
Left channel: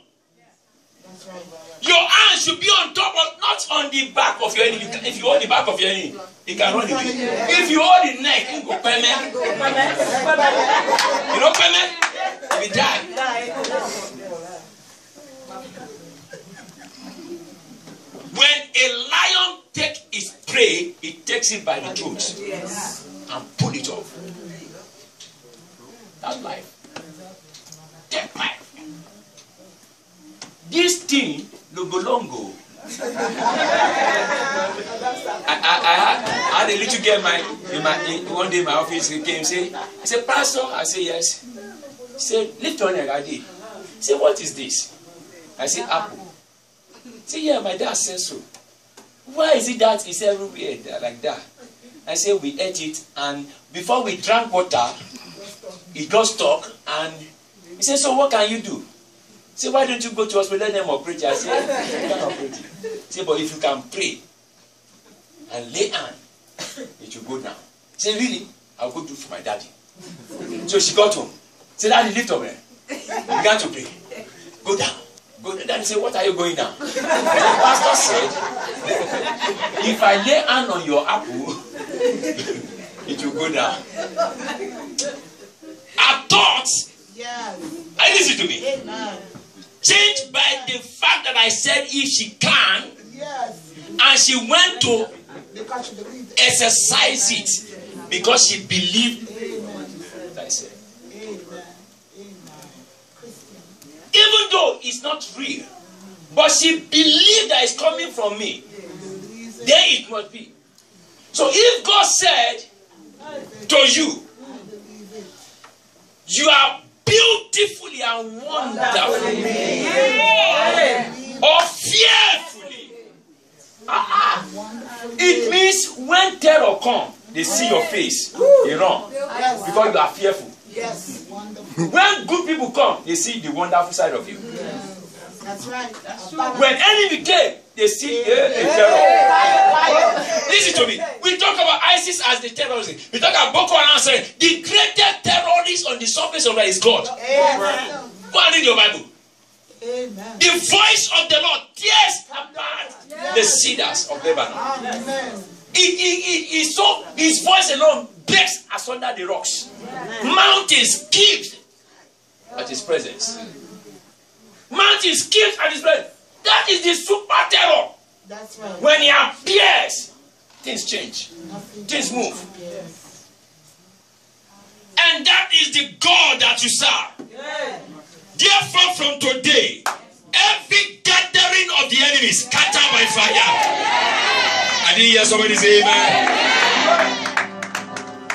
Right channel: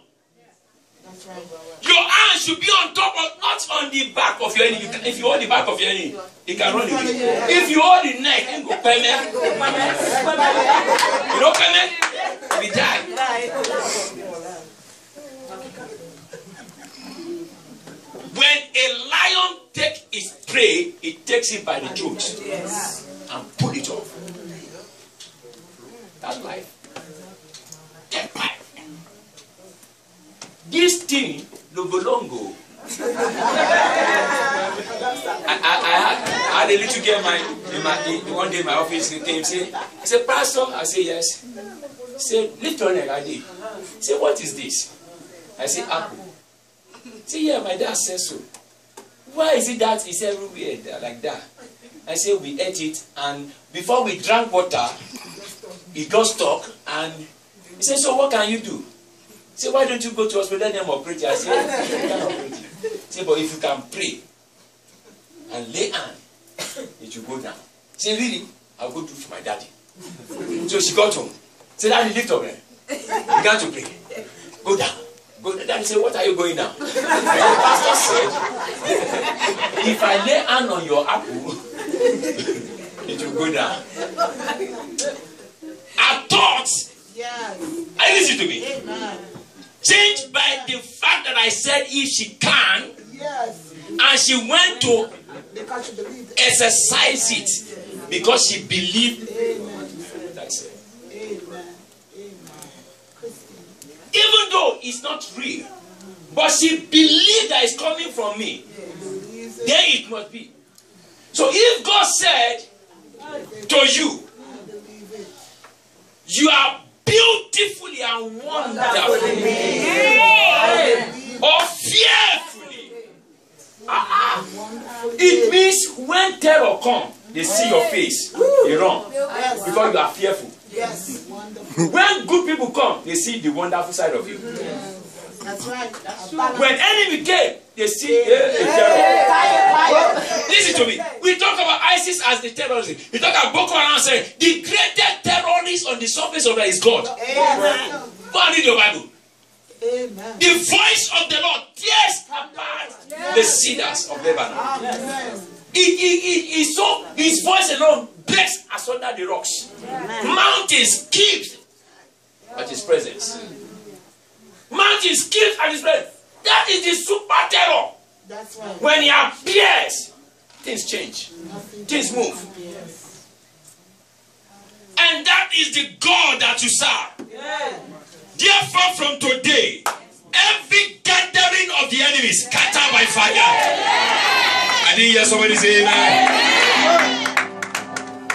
That's right. Your hand should be on top of, not on the back of your enemy. If you hold the back of your enemy, he can run away. If you hold the neck, he go payment. You know payment? We die. When a lion takes its prey, it takes it by the throat and pull it off. That's life. Take life. This thing, Logolongo. I had a little girl one day in my office. He came and said, Pastor, I said, yes. He said, lift your leg, I did. He said, what is this? I said, apple. He said, yeah, my dad says so. Why is it that it's everywhere like that? I said, we ate it, and before we drank water, it got stuck, and he said, so what can you do? He said, why don't you go to hospital, let them operate it? I said, you can't operate it. He said, but if you can pray and lay hand, it will go down. He said, really? I'll go do it for my daddy. So she got home. He said, daddy, lift up there. He began to pray. Go down. Go down. Daddy said, what are you going down? The pastor said, if I lay hand on your apple, it will go down. Our thoughts, yes. Listen to me. Amen. Changed by the fact that I said if she can, Yes. and she went to Because you believe it. exercise it because she believed. Amen. That's it. Amen. Amen. Even though it's not real, but she believed that it's coming from me, then it must be. So if God said to you, you are beautifully and wonderfully or fearfully, it means when terror come, they see your face, they run. Because you are fearful. Yes. Wonderful. When good people come, they see the wonderful side of you. Yes. That's right. When enemy came, they see a terror. Listen to me. We talk about ISIS as the terrorism. We talk about Boko Haram saying the greatest terrorist on the surface of the earth is God. Amen. Go and read your Bible. Amen. The voice of the Lord tears apart the cedars of Lebanon. Amen. So his voice alone breaks asunder the rocks. Mountains keep at his presence. Mountains keep at his presence. That is the super terror. That's right. When he appears, things change. Things move. Yes. And that is the God that you serve. Therefore, from today, every gathering of the enemy is scattered by fire. I didn't hear somebody say amen.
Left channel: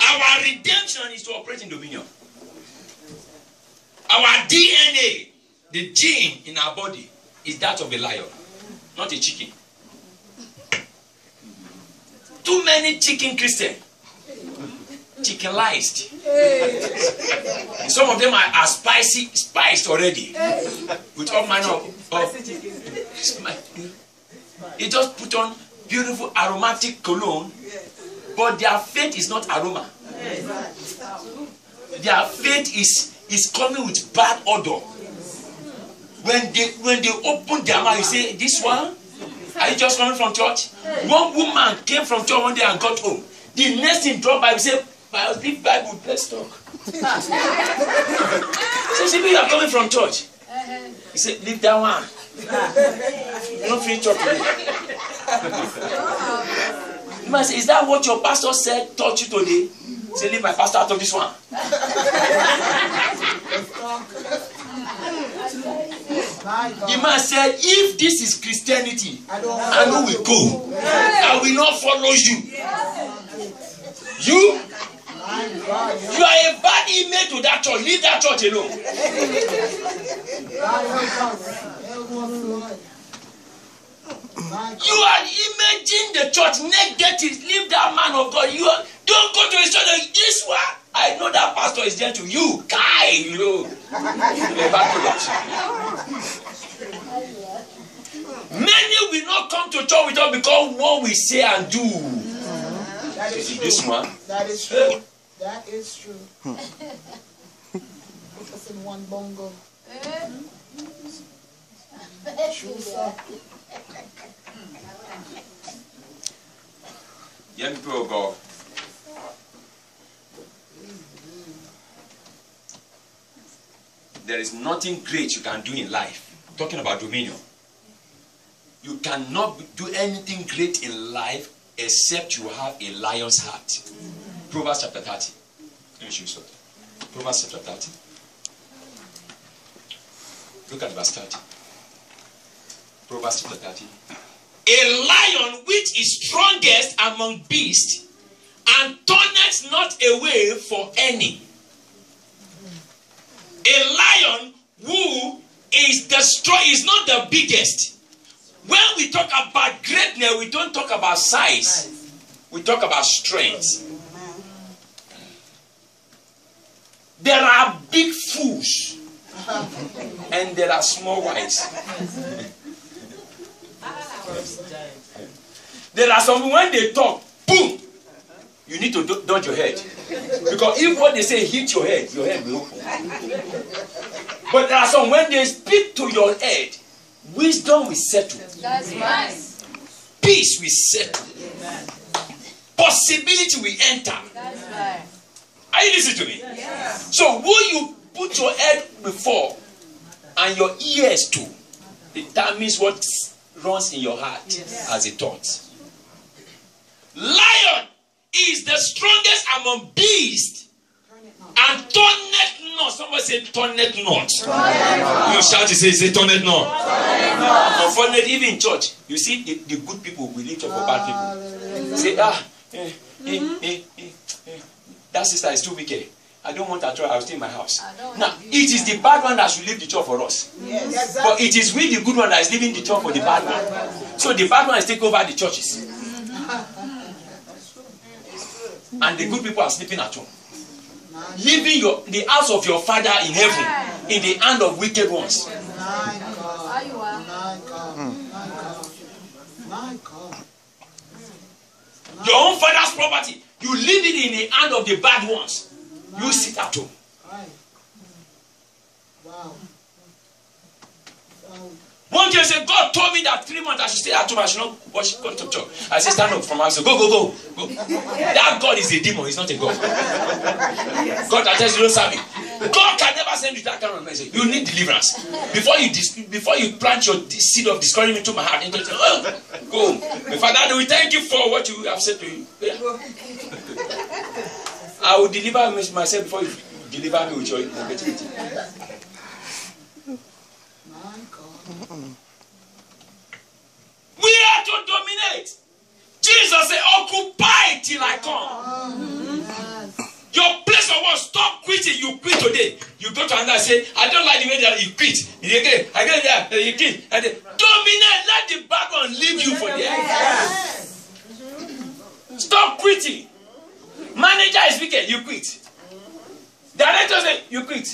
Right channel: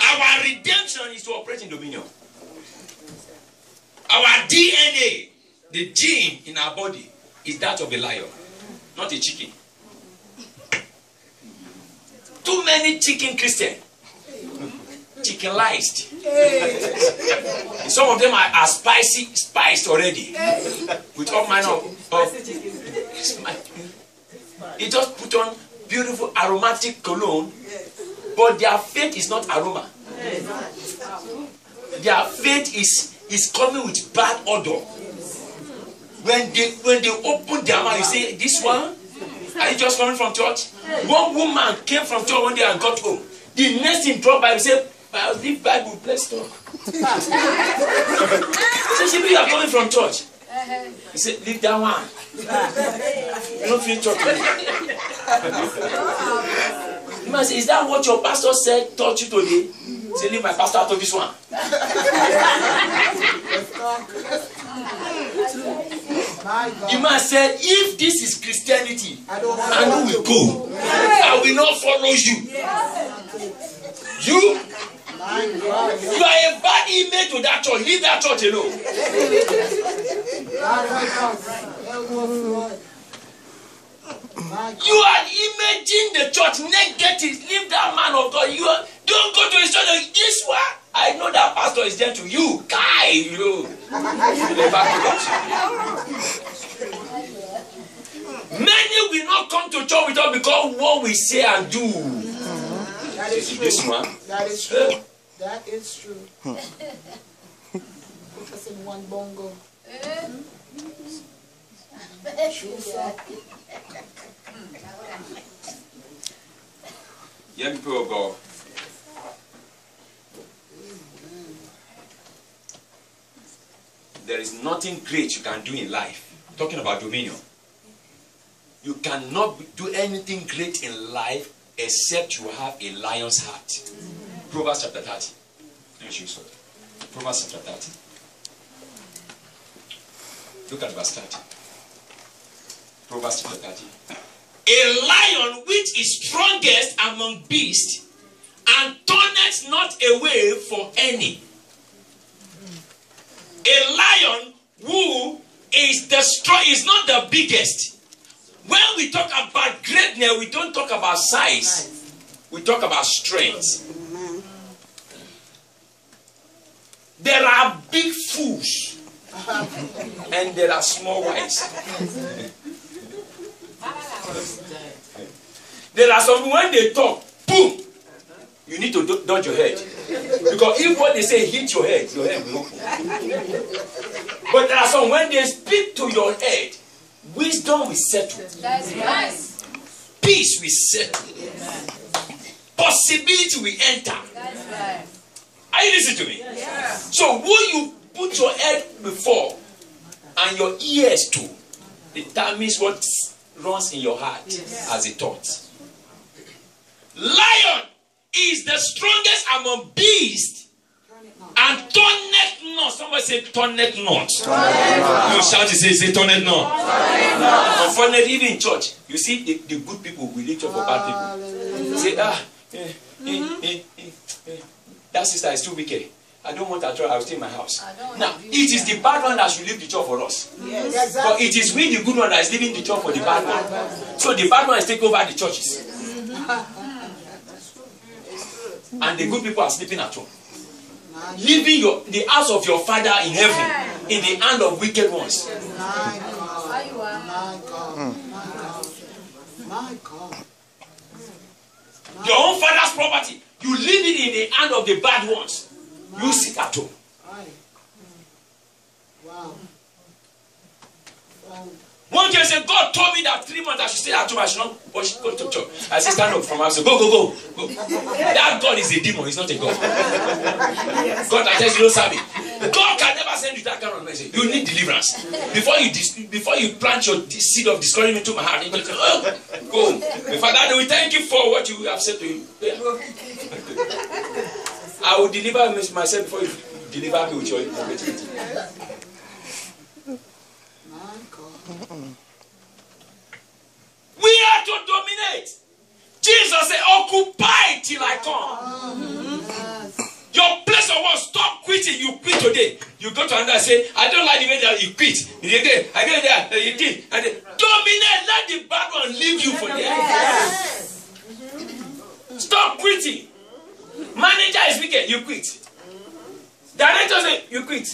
Our redemption is to operate in dominion. Our DNA, the gene in our body, is that of a lion, not a chicken. Too many chicken Christians. Chickenized. Some of them are spiced already. With all manner of they just put on beautiful aromatic cologne, but their faith is not aroma. Their faith is coming with bad odor. When they open their mouth, you say, "This one? Are you just coming from church?" One woman came from church one day and got home. The next thing dropped by, we say, "Leave Bible, let's talk." So she said, "You are coming from church." He said, "Leave that one. You don't feel church today." The man said, "Is that what your pastor said, taught you today?" He said, "Leave my pastor out of this one." The man said, "If this is Christianity, and we will go. I will not follow you. You are a bad image to that church. Leave that church alone." You are imaging the church negative. Leave that man of God. Don't go to his church like this one. I know that pastor is gentle. You, guy, you. Many will not come to church with us because what we say and do. That is true. This one. That is true. That is true. Put us in one bongo. True, sir. Young people of God. There is nothing great you can do in life. Talking about dominion. You cannot do anything great in life except you have a lion's heart. Proverbs chapter 30. Let me show you something. Proverbs chapter 30. Look at verse 30. Proverbs chapter 30. A lion which is strongest among beasts and turneth not away for any. A lion who is the strong is not the biggest. When we talk about greatness, we don't talk about size. We talk about strength. There are big fools and there are small ones. There are some when they talk, boom, you need to dodge your head. Because if what they say hit your head will open. But there are some when they speak to your head, wisdom will settle. That's right. Peace will settle. Possibility will enter. That's right. Are you listening to me? Yeah. So who you put your head before and your ears to determines what runs in your heart as a thought. Lion is the strongest among beasts and turneth not. Somebody say turneth not. You shout, say turneth not. Unfortunately, even in church, you see the good people will lift up for bad people. Say, that sister is too wicked. I don't want her to. I'll stay in my house. Now, it is the bad one that should leave the church for us. Yes, exactly. But it is we, the good one, that is leaving the church for the bad one. So the bad one is taking over the churches. and the good people are sleeping at home. Leaving the house of your father in heaven in the hand of wicked ones. Your own father's property, you leave it in the hand of the bad ones. You sit at home. One day said, God told me that 3 months I should stay at home. I should not go to church. I said, stand up from house. Go. That God is a demon. He's not a God. God that tells you don't serve him. God can never send you that kind of message. You need deliverance. Before you plant your seed of discouragement into my heart, you say, oh, go. My Father, we thank you for what you have said to you. Yeah. I will deliver myself before you deliver me with your negativity. We are to dominate. Jesus said, occupy till I come. Your place of work, stop quitting. You quit today. You go to another and say, I don't like the way that you quit. I get there, you quit. Dominate. Let the bad one leave you for there. Stop quitting. Manager is wicked. You quit. Director say, you quit.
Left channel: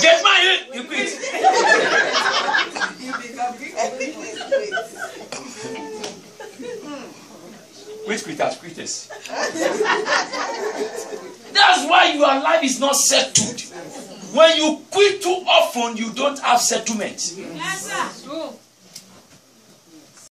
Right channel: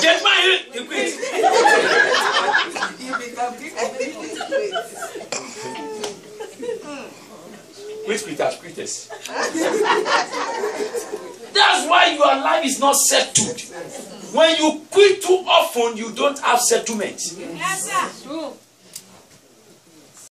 Get married, you quit. Quit quitters, quitters. That's why your life is not settled. When you quit too often, you don't have settlement. Yes, sir.